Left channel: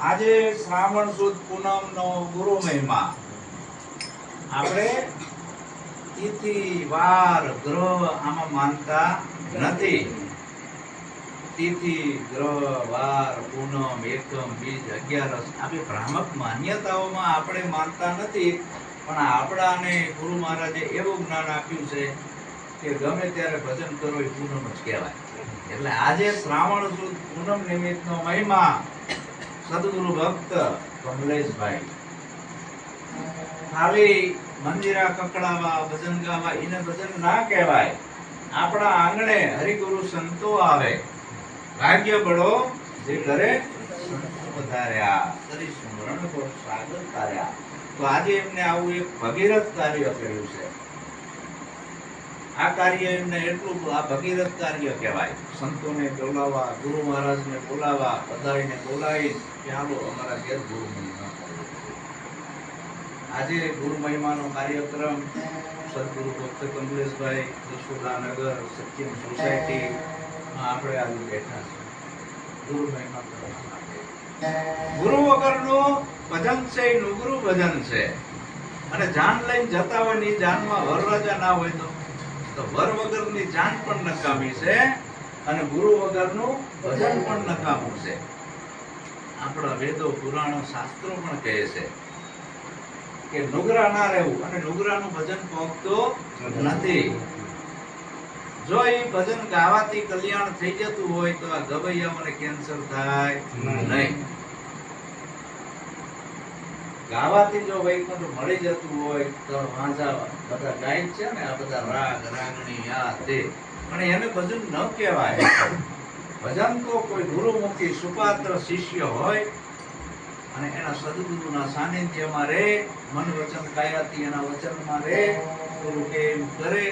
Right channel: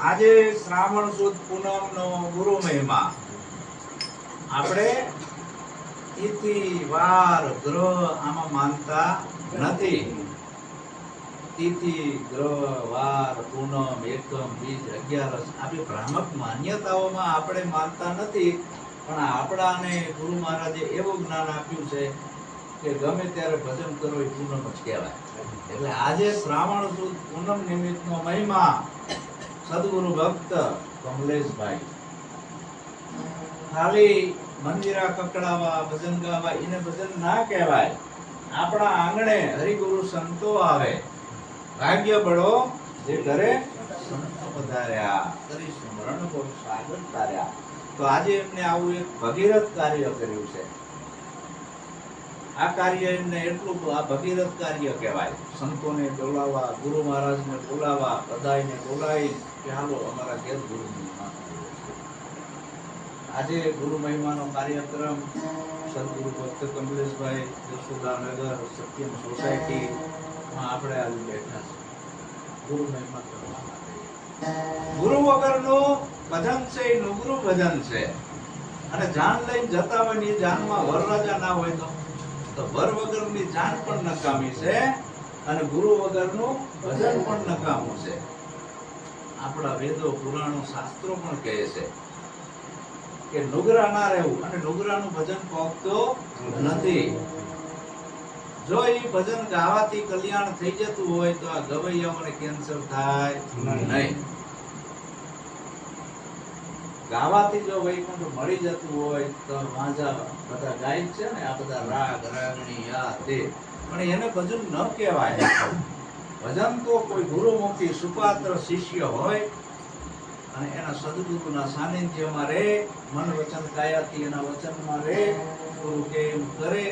આજે શ્રાવણ સુદ પૂનમ નો ગુરુ મહિમા આપણે તિથિ વાર ગ્રહ આમાં માનતા નથી. તિથિ ગ્રહ વાર પૂનમ એકમ બીજ 11 આ બે ભ્રામક માન્યતાઓમાં આપણે માનતા નથી. પણ આપણાને ગુરુ મહારાજે એવું જ્ઞાન આપ્યું છે કે ગમે ત્યારે ભજન કરો એ પૂનમ જ કહેવાય. એટલે આજે શ્રાવણ સુદ પૂનમ નિમિત્તનો મહિમા સદગુરુ ભક્ત કમલેશભાઈ ખાલી મંદિરા કકડાવા ભજન ગાવા એને ભજન ના કહેવાય. આપણા આંગણે હરિગુરુ સંતો આવે, ભાગ્ય બળો જે ઘરે સંતો પધાર્યા, કરી સ્મરણ કો સાગર તાર્યા. તો આજે એમને આવું એક ભગીરથ કાર્ય કર્યું છે. આ કાર્ય એમને એટલું આ ભગીરથ કાર્ય કહેવાય. સંતોને બોલાવવા, ગુરુ મહારાજને બોલાવવા, બધાને બોલાવી કે હાલો અમારા ઘેર ગુરુ મહિમા. આજે ગુરુ મહિમાનો કાર્યક્રમ સદગુરુ ભક્ત કમલેશભાઈ જસોદાનગર સત્યમ સોસાયટી માં આપણે આવી બેઠા છે ગુરુ મહિમા કરવા માટે. ગુરુ વગરનું ભજન છે એ નુગરું ભજન છે. અને જાન લઈને જતા હોય ની જાનમાં વરરાજા ના હોય તો વર વગરની જાન પણ નકામી છે અને ગુરુ વગરનું ભજન પણ નકામું છે. આપણા વેદો પુરાણો શાસ્ત્રો પણ કહે છે કે નુગરા ના રહેવું, અને નુગરાનું ભજન પહોંચતો નથી. જો એ ભજન ગાવાથી કલ્યાણ થઈ જતું હોય તો આ ગવૈયાઓને કેન્સર થાય નહીં. ગાવાથી જો વૈકુંઠ મળી જતું હોય તો વાંઝા બધા ગાય છે ને, આ બધા રાગ રાગણી આ તે, પણ એને ભજન ન કહેવાય. ભજન તો કોઈ ગુરુમુખી સુપાત્ર શિષ્ય હોય અને એના સદગુરુના સાનિધ્યમાં રહે, મન વચન કાયાથી એના વચનમાં રહે, ગુરુ કે એમ કરે,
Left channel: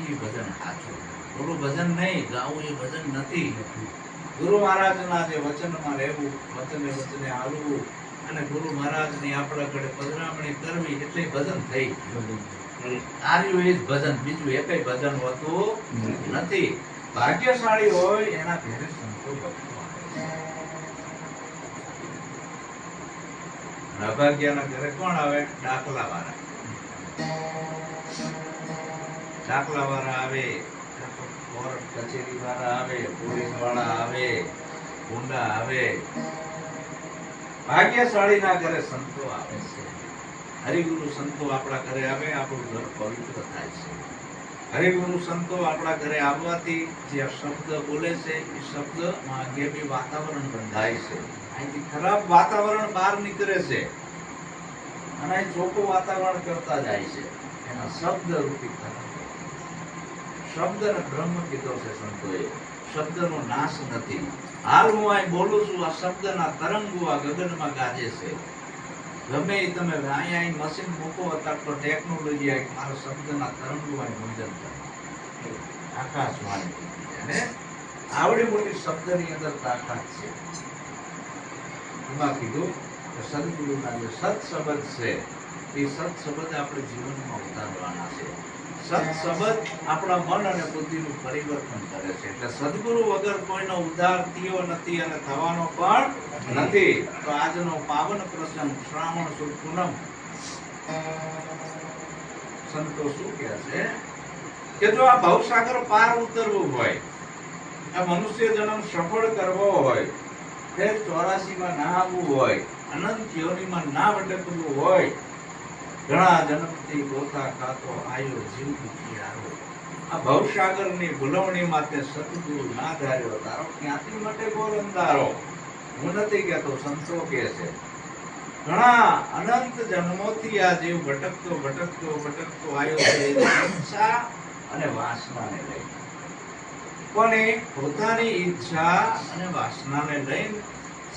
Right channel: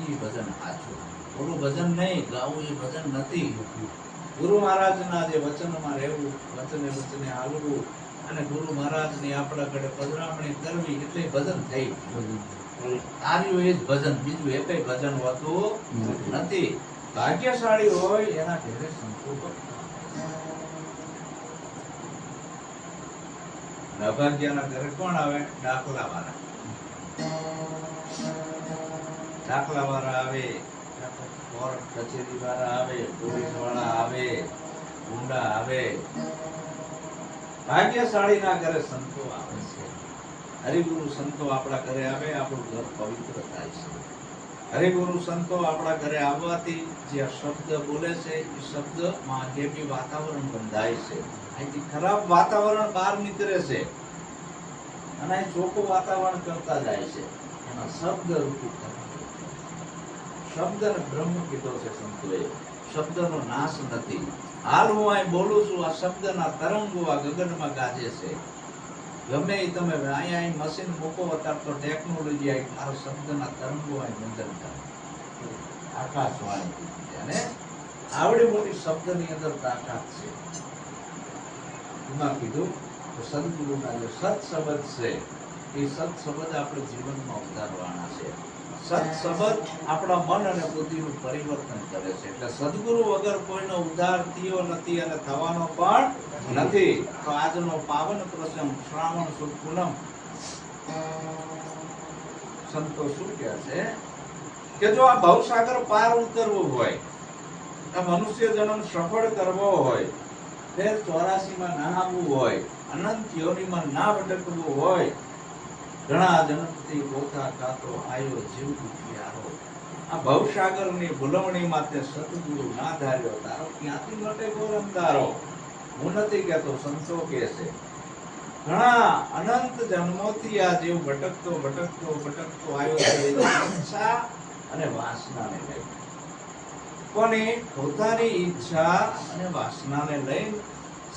એ ભજન સાચું. થોડું ભજન નહીં ગાવું એ ભજન નથી. ગુરુ મહારાજના જે વચનમાં રહેવું, વચને વચને આવવું અને ગુરુ મહારાજની આપણા ઘરે પધરામણી કરવી એટલે ભજન થઈ. તાર્યું એ જ ભજન, બીજું એકેય ભજન હોતું નથી. ભાગ્યશાળી હોય એના ઘરે સંતો ભક્તો અભાગ્યના ઘરે કોણ આવે? દાખલા વાળા. દાખલા વાળા આવે, કોર્ટ કચેરી વાળા આવે, પોલીસ વાળા આવે, ગુંડા આવે. ભાગ્યશાળી ના ઘરે સંતો આવે છે. હરિગુરુ સંતો આપણા ઘરે આવે, આપણું ઘર પવિત્ર થાય છે. હરિગુરુ સંતો આપણા ઘરે આવવાથી જે શબ્દ બોલે છે એ શબ્દમાં આગેબી વાતાવરણ બંધાય છે. અહીંથી ખરાબ વાતાવરણ બહાર નીકળે છે અને અહીં ચોખ્ખું વાતાવરણ કરતા જાય છે. એના શબ્દ રૂપી શબ્દને બ્રહ્મ કીધો છે સંતોએ. શબ્દનો નાશ નથી. હાલ હું અહીં બોલું છું, આ શબ્દના તરંગો આ ગગનમાં ગાજે છે. ગમે એ તમે અહીંયા મશીન મૂકો અત્યારે તો ટેકનોલોજી આવી, મારા શબ્દના તરંગો અહીં મંજન કરે. આકાશવાણી અને આવડી મોટી શબ્દની અંદર તાકાત છે. એમાં કીધું કે સદગુરુના જે સત શબ્દ છે એ સત શબ્દ આપણે જીવનમાં ઉતારવાના છે. સત શબ્દ આપણા મન અને બુદ્ધિનું પરિવર્તન કરે છે. એટલે સદગુરુ વગર કોઈનો ઉદ્ધાર થયો નથી અને થવાનો પણ નથી. તો આજનો પાવન પ્રસંગ શ્રાવણ સુદ પૂનમ, સંતો શું કહે છે કે જો આ ભવસાગર પાર ઉતરવું હોય, આ મનુષ્ય જન્મ સફળ કરવો હોય, ફેર 84 માં ના આવવું હોય, અનંત યોનિમાં ના ભટકવું હોય, ઘણા જન્મથી ગોતા ખાતો આયો જીવ દુખિયારો, આ ભવસાગરની ભૂલવણી માટે સદગુરુ ના ધાર્યો, તારો ક્યાંથી મટે ગોર અંધારો. હું નથી કહેતો, સંતો કહે છે. ઘણા અનંત જન્મોથી આ જીવ ભટકતો ભટકતો ભટકતો આવ્યો છે ઈચ્છા અને વાસનાને લઈને. પણ પોતાની ઈચ્છા અને વાસનાને લઈને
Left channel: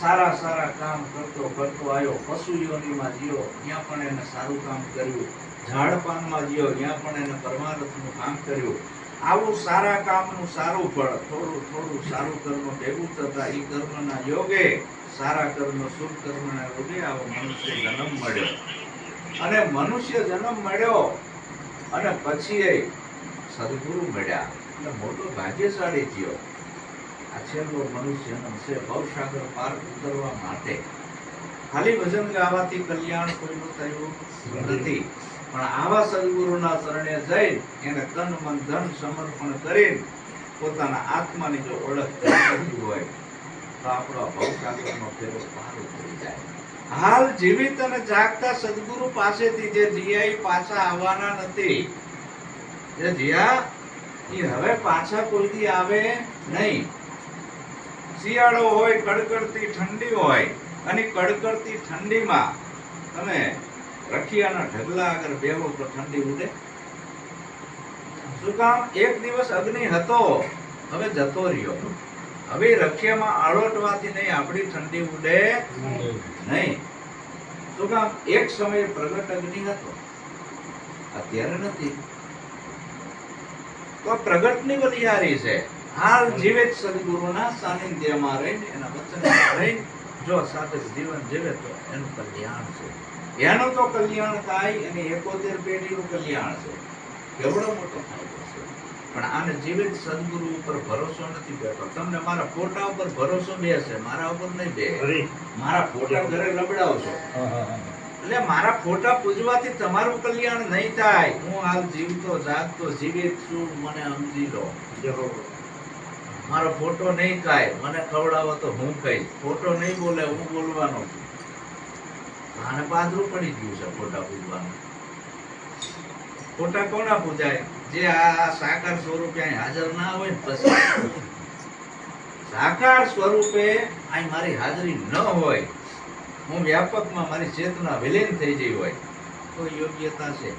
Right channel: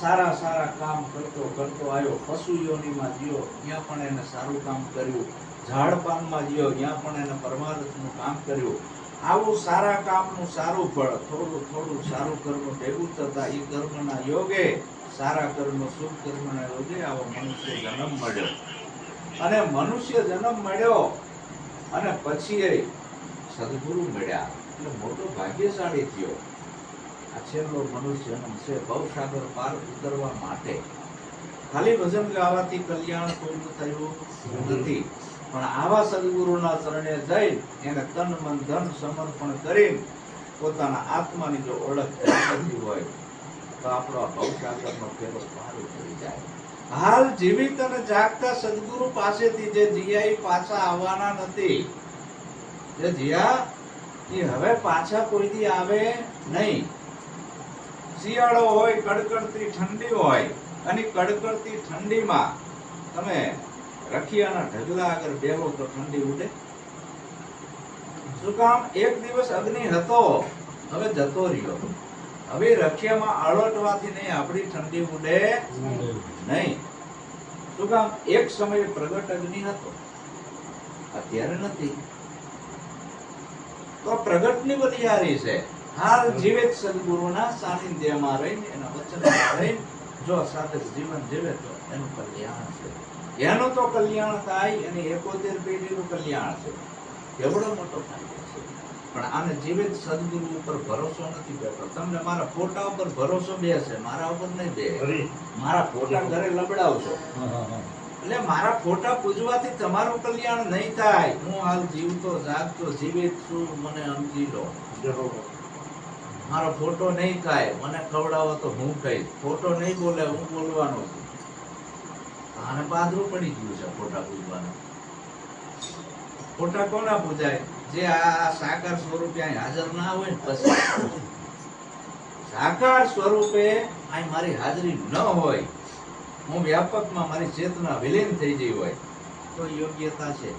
સારા સારા કામ કરતો કરતો આવ્યો. પશુ યોનિમાં જીયો, ત્યાં પણ એને સારું કામ કર્યું. ઝાડ પાનમાં જીયો, ત્યાં પણ એને પરમાર્થનું કામ કર્યું. આવું સારા કામનું સારું ફળ, થોડું થોડું સારું કર્મ ભેગું થતા એ કર્મના યોગે, સારા કર્મ શુભ કર્મના યોગે આવો મનુષ્ય જન્મ મળ્યો. અને મનુષ્ય જન્મ મળ્યો અને પછી એ સદગુરુ મળ્યા એટલે મોટો ભાગ્યશાળી થયો. આ છેલ્લો મનુષ્ય જન્મ છે ભવસાગર પાર ઉતરવા માટે. ખાલી ભજન ગાવાથી કલ્યાણ કોઈનું થયું નથી, પણ આવા સદગુરુના ચરણે જઈ એને તન મન ધન સમર્પણ કરી પોતાના આત્માની જો ઓળખ કરતી હોય તો આપણો ભવસાગરનો ફેરો પાર ઉતરી જાય. હાલ જીવિત અને જાગતા સદગુરુ પાસેથી જે જીયા પાછા આવવાના નથી, જે જીયા એ હવે પાછા કોઈથી આવે નહીં. શિયાળો હોય, કડકડતી ઠંડી હોય, અને કડકડતી ઠંડીમાં તમે રખિયાના ઢગલા આગળ બેહો તો ઠંડી ઉડે? શું કામ? એક દિવસ અગ્નિ હતો, હવે જતો રહ્યો. હવે રખિયામાં આળોટવાથી નહીં આપણી ઠંડી ઉડે નહીં. શું કામ? એક સમયે પ્રગટ અગ્નિ હતો, અત્યારે નથી. તો પ્રગટની બલિહારી છે. હાલ જીવિત સદગુરુના સાનિધ્યમાં રહીને એના વચનમાં રહીને જો સાધક જીવન જીવે તો એનું કલ્યાણ છે. એનું તો કલ્યાણ થાય, એની 71 પેઢીનું કલ્યાણ છે. કેવડો મોટો ફાયદો છે. પણ આને જીવિત સદગુરુ ઉપર ભરોસો નથી બેઠો. તમને મારા ફોટા ઉપર ભરોસો બેસે, મારા ઉપર નહીં બે. મારા ફોટા ઘરે લબડાવશો એટલે મારા ફોટા પૂજવાથી તમારું કલ્યાણ નહીં થાય. હું હાલ જીવતો જાગતો જીવિત છું, મને સમજી લો. મારો ફોટો નહીં ખાય, મને ખવડાવો તો હું ખાઈશ. ફોટો નહીં બોલે, હું બોલવાનો છું. આને પાદરું પડી ગયું છે ફોટા પૂજવાનું. ફોટા કોના પૂજાય? જે આ સાકાર સ્વરૂપે અહીં હાજર ના હોય ને પછી. સાકાર સ્વરૂપે અહીં મારી હાજરી ન હોય, હું વ્યાપકમાં મારી ચેતના વિલીન થઈ ગઈ હોય તો યોગ્યતા છે.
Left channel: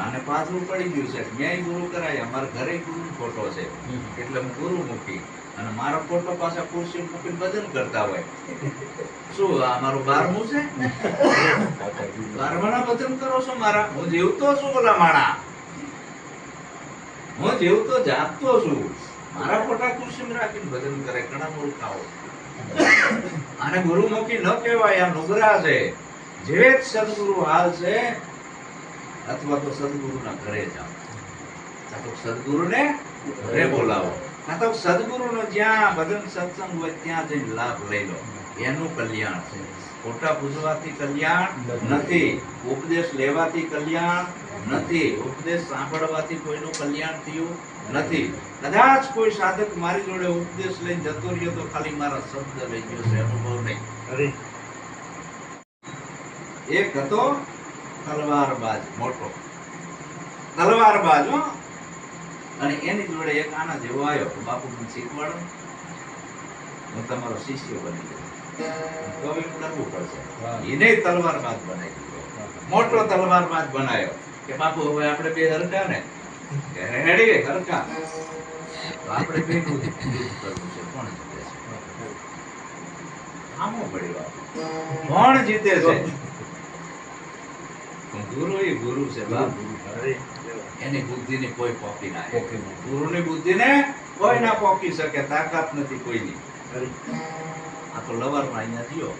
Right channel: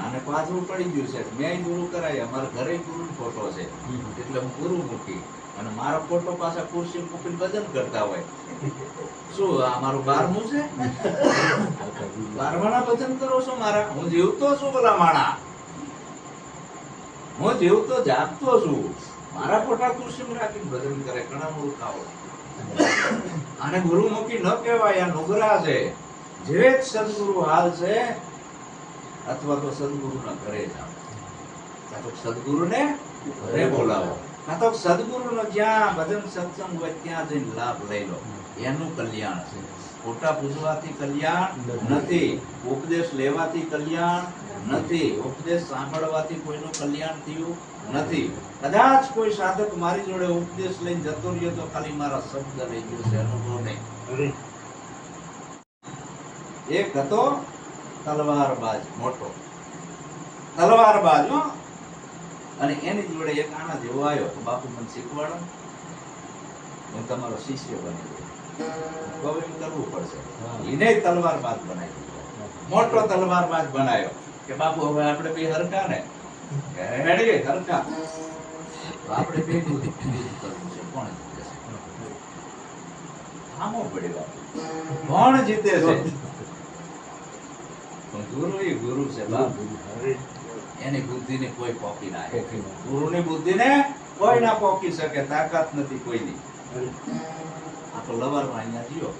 આને પાછું પડી ગયું છે. મેં ગુરુ કરાય, અમારા ઘરે ગુરુ ફોટો છે એટલે હું ગુરુ મૂકી અને મારો ફોટો પાછા ખુરશી મૂકીને ભજન કરતા હોય. શું આ મારું 12મું છે? 12માના ભજન કરો છો મારા? હું જીવતો છું બોલા માણા, હું જીવતો જાગતો છું. મારા ફોટા ખુરશીમાં રાખીને ભજન કરે. ઘણા મૂર્ખાઓ. આને ગુરુ મૂકી ન કહેવાય, આ નુગરા છે. જે સદગુરુ હાલ છે, અથવા તો સદગુરુના ઘરે જાઓ, કાં તો સદગુરુને ઘરે બોલાવો, કાં તો સદગુરુનો જ્યાં ભજન સત્સંગ હોય ત્યાં જઈને લાભ લઈ લો. એનું કલ્યાણ છે. ફોટા પૂજવાથી કલ્યાણ નથી, ઉપદેશ લેવાથી કલ્યાણ નથી, ઉપદેશ સાંભળવાથી કોઈનું કલ્યાણ થયું નથી. કદાચ કોઈ સાધક મારી જોડે ઉપદેશ લઈને જતો રહ્યો તો ખાલી મારા શબ્દ લઈ ગયો છે, અનુભવ નહીં. એક હતો તલવારબાજ, મોટો તલવારબાજ, અને એની જોડે એક આના જેવો આવ્યો. બાપુ મને શીખવાડો, હું તમારો શિષ્ય બની ગયો. કવિ કરવું પડશે. એને તલવારબાજ બનાવી દીધો, મોટો તલવારબાજ બનાવ્યો કે બાપુ હવે આપણે બે હરકા ને રેડી હરકા તો આપણે બે કરવું છે. કોણ જીતે છે? આમો પડી બાપુ, કોણ જીતે છે? ગુરુ એ ગુરુ છે બાપ. એની બુદ્ધિને કોઈ પોકી ના શકે. ગુરુની બુદ્ધિને કોઈ ના પોકી શકે, તાકાત નથી કોઈની. આ તો લવારમાં અહીંયા થયો,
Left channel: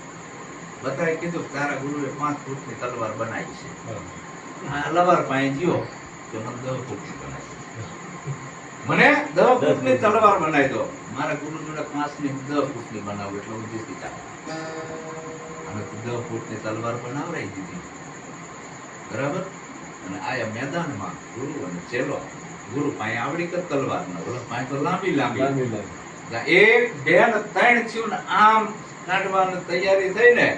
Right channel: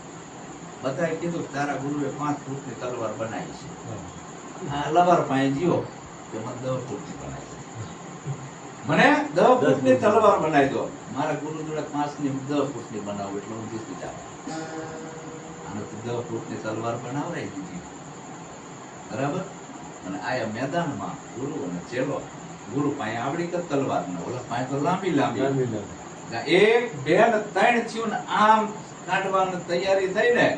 બધાએ કીધું તારા ગુરુએ 5 ફૂટની તલવાર બનાવી છે. આ લવાર પાસે ગયો કે મને 10 ફૂટની બનાવી, મને 10 ફૂટની તલવાર બનાવી દો. મારા ગુરુ જોડે 5ની 10 ફૂટની બનાવું એટલે હું જીતી જાઉં. આને 10 ફૂટની તલવાર બનાવરાઈ દીધી, બરાબર. અને આયા મેદાનમાં ગુરુ અને ચેલો. ગુરુ પાસે આવડી કે તલવાર ને ઓલા પાસે તો લાંબી લાંબી. 1 2 ને 3 થયું ને આમ કાઢવાની તૈયારી થઈ ને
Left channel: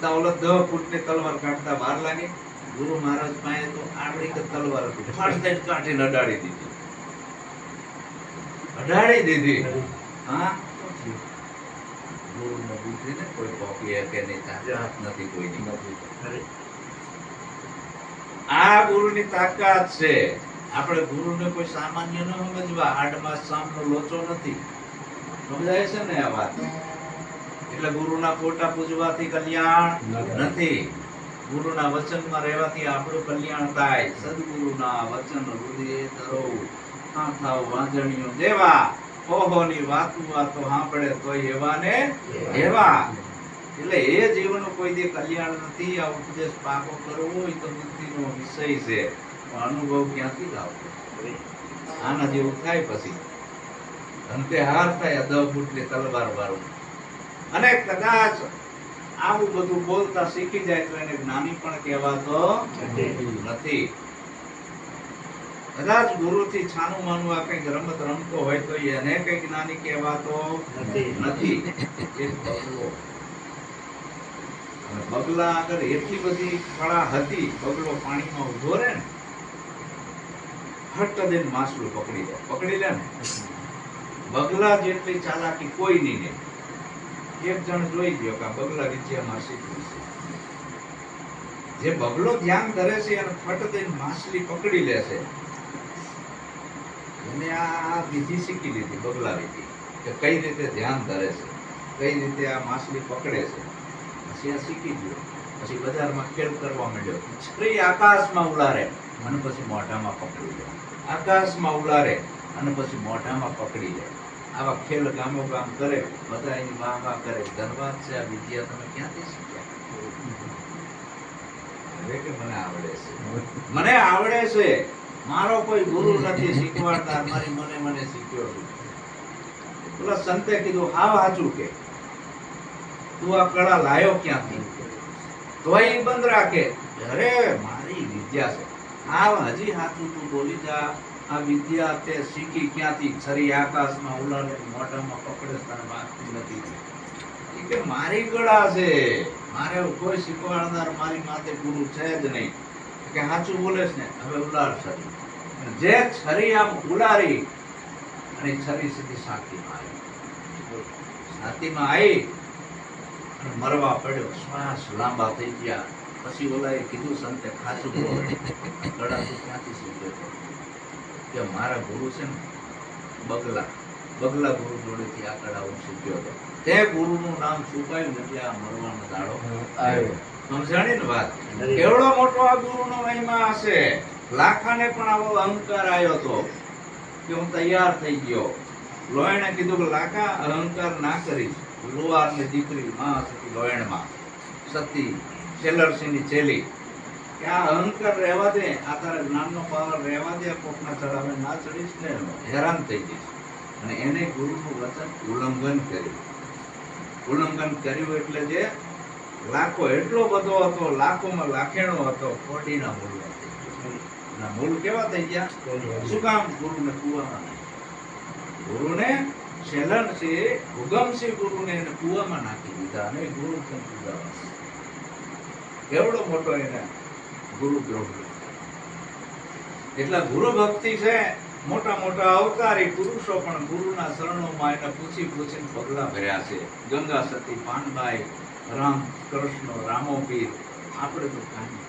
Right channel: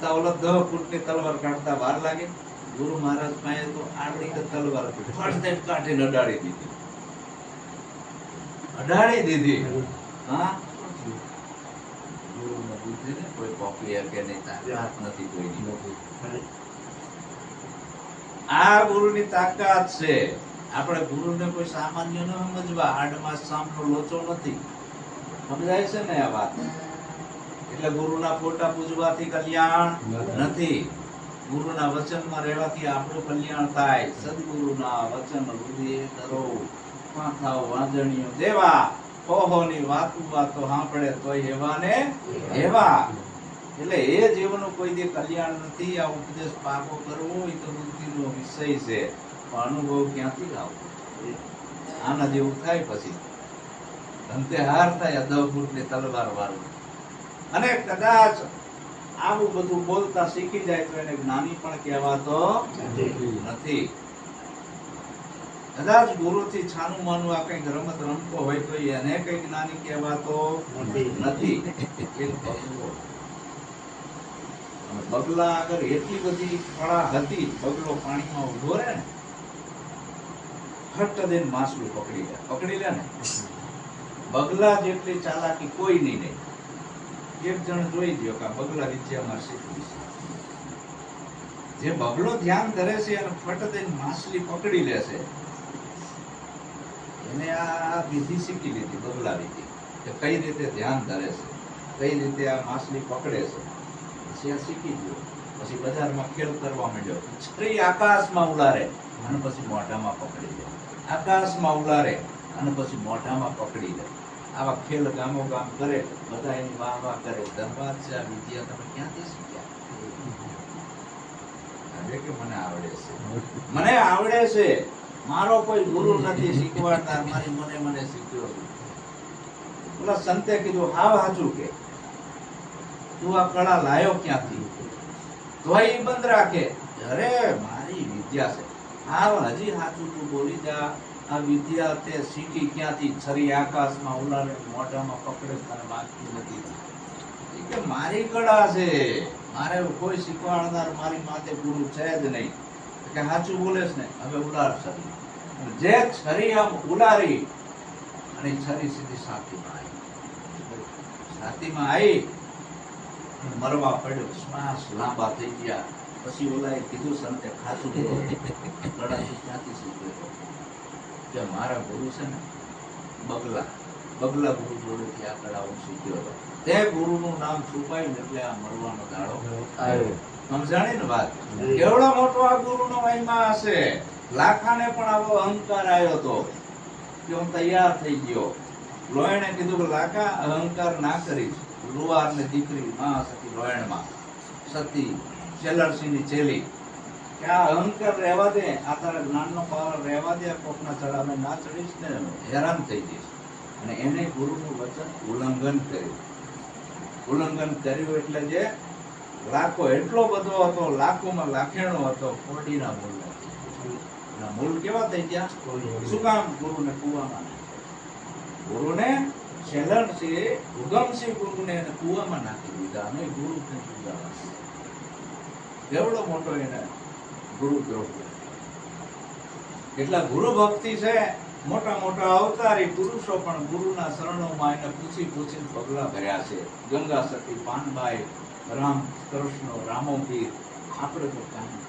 તો ઓલા 10 ફૂટની તલવાર કાઢતા વાર લાગી. ગુરુ મહારાજ પાસે તો આવડી કે તલવાર હતી, ફાટ થઈ કાઢીને અડાડી દીધી. હા, ગુરુને બુદ્ધિને કોઈ પોકી કે નહીં, તાકાત નથી કોઈની. આ ગુરુની તાકાત છે. આપણે ગુરુને કોઈ સામાન્ય ન સમજવા. આડમાં સામનો લોચો નથી, સમજાય છે ને આ વાત? એટલે ગુરુના ફોટા પૂજવાથી કલ્યાણ નથી, ગુરુના વચનમાં રહેવાથી આપણું કલ્યાણ થાય. સદગુરુના વચન હૃદયે ધરો, થાવ વાંજણીઓ દેવા. ઓહોની વાતો સાંભળે તોય એવા ને એવા. એટલે એ જીવનું કોઈ દે કલ્યાણ નથી. આ ઉપદેશ પાકો કરવો એ તો બુદ્ધિનો વિષય છે, પણ અનુભવ ક્યાંથી લાવવો? આના જેવું થાય પછી અંતે હાર થાય, અધવ ફૂટલે તલવાર વાળું. અને કદાચ આવું બધું બોલતા શીખી જાય તો એને જ્ઞાની પણ કહેવાતો નથી. કદાચ ગુરુથી છાનું માનું આ કઈક રમત રમતો હોય તો એને કઈ જ્ઞાની કહેવાતો નથી. એક બગલો, બગલા આગળ એટલી બધી કળા હતી, બગલો પાણીમાં ઉભો રહે ને, ફટ દઈને માછલું પકડી લે ને. બગલા જેટલી ચાલાકી કોઈ નહીં. એક જણ જોઈ ગયો કે બગલા વિદ્યામાં શીખવું છે. જે બગલો ધ્યાન ધરે છે અને ફટ દઈને માછલી પકડી લે છે, એને આ વિધિ શીખી લીધી, બગલા વિધિ, કે કઈ રીતે ધ્યાન ધરે છે, કઈ રીતે આ માછલી પકડે છે. પછી આ શીખી ગયો. પછી બજારમાં ખેલ કરવા માંડ્યો. છરી આકાશમાં ઉલારે અને પછી મોઢામાં પકડી લે, આકાશમાં ઉલારે અને પછી મોઢામાં પકડી લે. આવા ખેલ ગામો ગામ કરે, બધા એની વાહ વાહ કરે. ધનવાદ છે, આ વિદ્યા તમે ક્યાંથી શીખ્યા? હવે કે મને આવડે છે, મને આવડે છે, મારો કોઈ ગુરુ નથી શીખવાડનાર, મારી મને શીખ્યો છું. પેલા સંતે કીધું હાવ હાચું કે તું આ કળા લાયો ક્યાંથી? તો એ બંધ રાખે, અરે મારી વિદ્યા છે. હાવ હજી હાચું તું બોલી જા, આ વિદ્યા તે શીખી ક્યાંથી? છરી આકાશમાં ઉલારે મોઢામાં પકડે, તારે વાગતી નથી. કે મારી કળા છે, મારે કોઈ શીખવાડનાર મારી માથે ગુરુ છે જ નહીં. કે સાચું બોલેસ ને? હવે ઉલાર છરી. જે છરી આમ ઉલારી અને છરી સીધી છાતીમાં આવી મરવા પડ્યો. શ્વાસ લાંબા થઈ ગયા. પછી ઓલાએ કીધું સંતે ખાચું બોલો, કળા તું ક્યાંથી શીખ્યો હતો? કે મારા ગુરુ છે ને બગલા ગુરુ જોડેથી આ કળા હું શીખ્યો હતો. તે ગુરુનું નામ છુપાયું એટલે આ મરવાનો દાડો આવ્યો. સમજાણી ને વાત? કેવડો મોટો આ ગુરુનો મહિમા હશે. લાખાને પણ આવો અહંકાર આવ્યો હતો કે હું તૈયાર થઈ ગયો. લોયણે કીધું કે લાખા અહંકાર ના કરીશ. લુવાર ની દીકરી માં સતી લોયણમાં સતી છેલરસિંહની છેલી, કે આ અહંકાર રહેવા દે, આ તારા જ્ઞાનનો પાવર રહેવા દે, કોકના ચડાવે ના ચડીશ ને હેરાન થઈ જઈશ. અને એને ગુરુનું વચન ઉલ્લંઘન કર્યું એટલે જે લાખો એટલો બધો હતો, લાખોમાં લાખેણો હતો, કોડીના મૂળ નથી. મૂળ કેવા થઈ ગયા? શું કામ? ગુરુને કુવામાં ગુરુને શેલણ છે, ઉગમસિંહ ગુરુને એને કુવામાં નાખી દીધા અને ગુરુ કેવડો મોટો એને ગુરુ દ્રોહ. એટલા ગુરુ ભક્તિ છે. મોટા મોટા અવતારી પુરુષો પણ ગુરુના શરણોમાં એને પૂછી પૂછીને પગલા ભર્યા છે. ગંગા સતી, પાનબાઈ, રામ કૃષ્ણ, રામોપીર. આપણે તો કાંઈ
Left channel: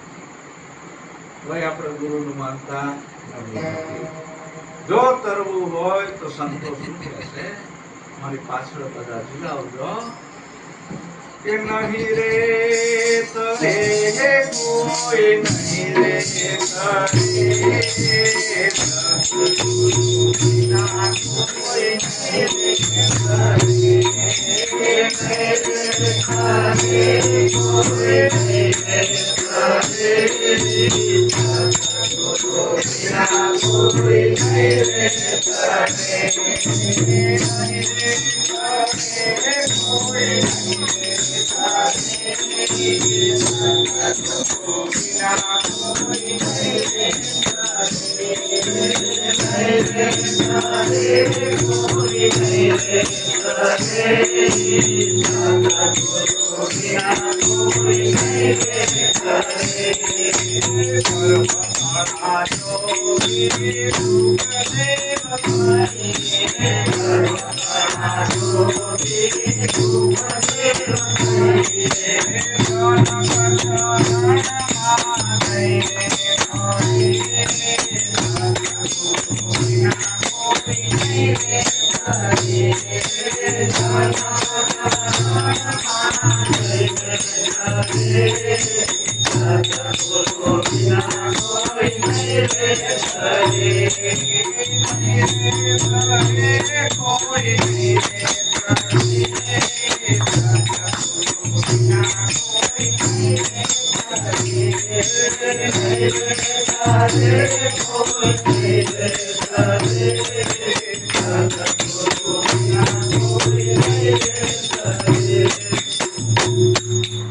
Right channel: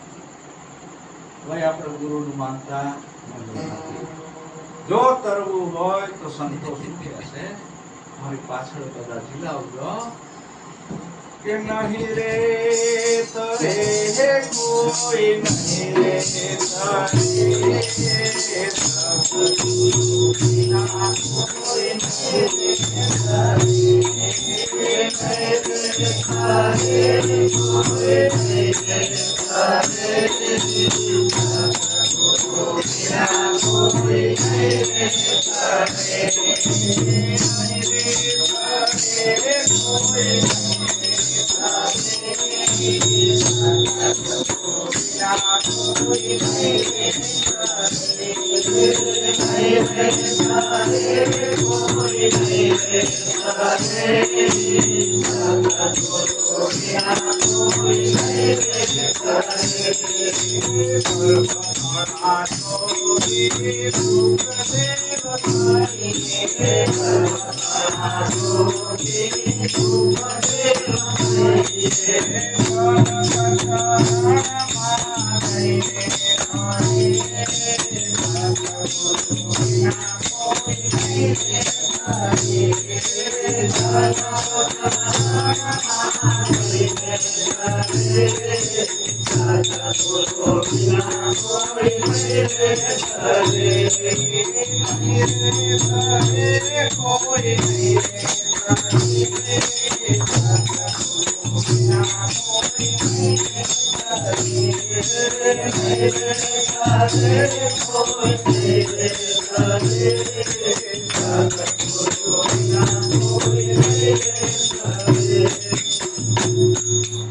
ભાઈ, આપણે ગુરુનું માનતા નથી. જો તરવું હોય તો સંતો શું કહેશે? મારી પાછળ બધા ઝુલાવજો કે નહીં રે તરે કોઈ નહીં રે સદગુરુ વિના કોઈ નહીં કોઈ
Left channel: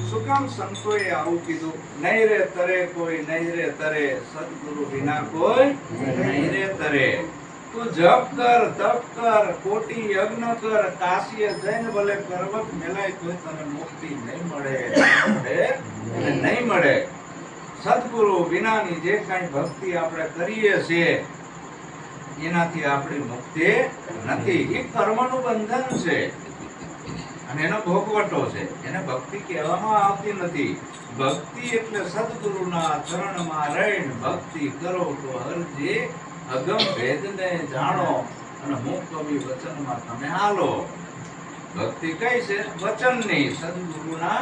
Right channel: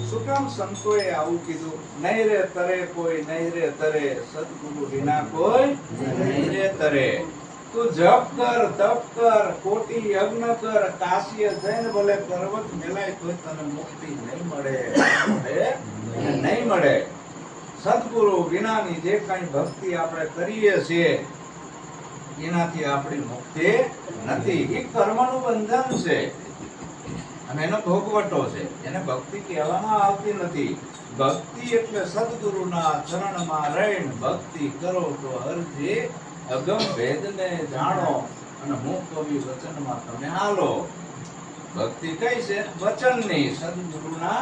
શું કામ સંતોએ આવું કીધું? નહીં રે તરે કોઈ, નહીં રે તરે, સદગુરુ વિના કોઈ નહીં રે તરે. તું જપ કર, તપ કર, કોટી યજ્ઞ કર, કાશીએ જઈને ભલે પર્વત મેલાય તોય તને મુક્તિ નહીં મળે, નહીં મળે. સદગુરુ વિનાની જે કઈ ભક્તિ આપણે કરીએ છીએ એનાથી આપણી મુક્તિ નથી. એ કર્મનું બંધન છે અને એનો ભોગવટો છે. એને ભક્તિ કહેવામાં આવતી નથી. ભક્તિ એટલે સદગુરુના ચરણમાં રહીને ભક્તિ કરો તો હરજી અગમ ભેદને જાણો અને હું કવિ વચનમાં તમે હાલો. ભક્તિ કઈ છે? વચનની, સદગુરુના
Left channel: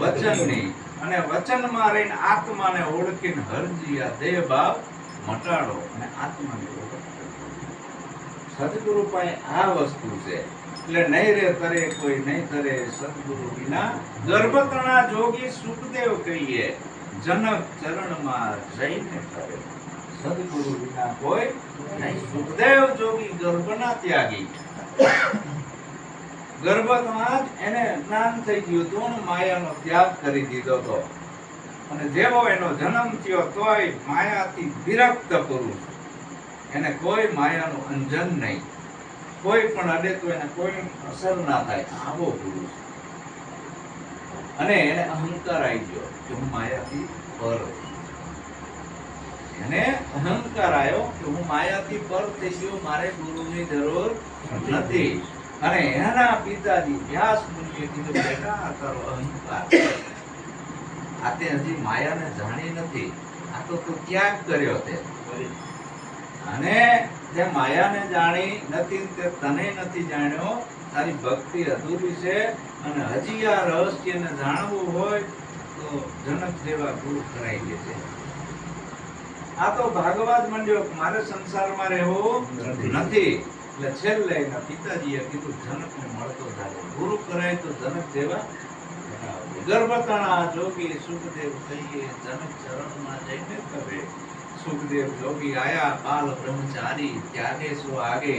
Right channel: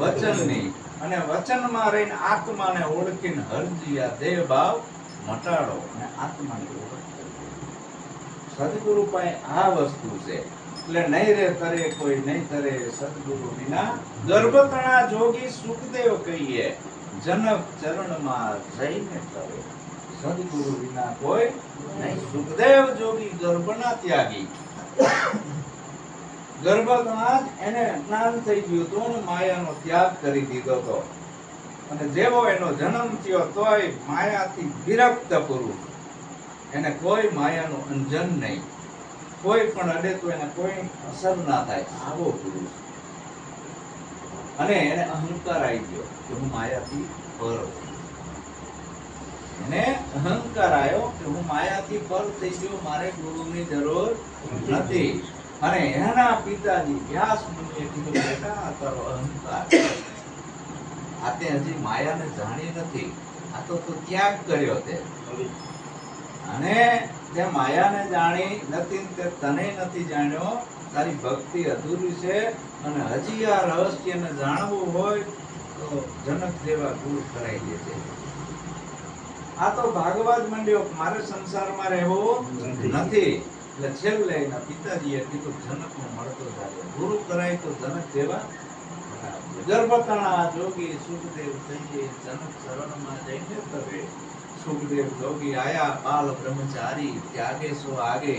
વચનની. અને વચનમાં રહીને આત્માને ઓળખીને હરજી આ દેહ ભાવ મટાડો અને આત્માને ઓળખો. સદગુરુ પાસે આ વસ્તુ છે. એટલે નહીં રે તરે કોઈ, નહીં તરે સદગુરુ વિના. ગર્ભતણા જોગી સુખદેવ કહીએ, જનક ચરણમાં જઈને કરે. સદગુરુ વિના કોઈ નહીં. સુખદેવ જોગી ગર્ભના ત્યાગી. ગર્ભમાં જ એને જ્ઞાન થઈ ગયું હતું અને માયાનો ત્યાગ કરી દીધો હતો. અને જેવો એનો જન્મ થયો તોય માયાથી વિરક્ત પુરુષ. એને કોઈ માયાનું અંજન નહીં. કોઈ પણ અડે તો એને કોઈ અસર ના થાય, આવો પુરુષ. અને એને અહંકાર આવી ગયો કે હું માયાથી પર. એને અહંકાર આવ્યો કે હું માયાથી પર થઈ ગયો, મારે ગુરુની જરૂર નથી. અને એના પિતાજી વ્યાસ મુનિએ કીધું, બેટા તારો અહંકાર, આ તે હજી માયાને જાણી નથી, આ તો તું ત્યાગ કર્યો તે. અને જે માયાને જાણી નથી તે તને નથી જાણ્યો. તારી ભક્તિ અધૂરી છે અને હજી આ રહસ્યને જાણવું હોય તો જનક જેવા ગુરુ કરાઈ દેશે. આ તો ભાગવા જ માંડ્યો, મારે સંસારમાં રહેવું નથી. એટલે છેલ્લે એના પિતાજીએ કીધું, જનકને મળતો થાય, ગુરુ કરાય તો જનક જેવા. ગર્ભતણા જોગી સુખદેવ કહીએ, જનક ચરણમાં જઈને કરે. સુખદેવ જોગી આયા બાલ બ્રહ્મચારી, ત્યાગે સો આગે,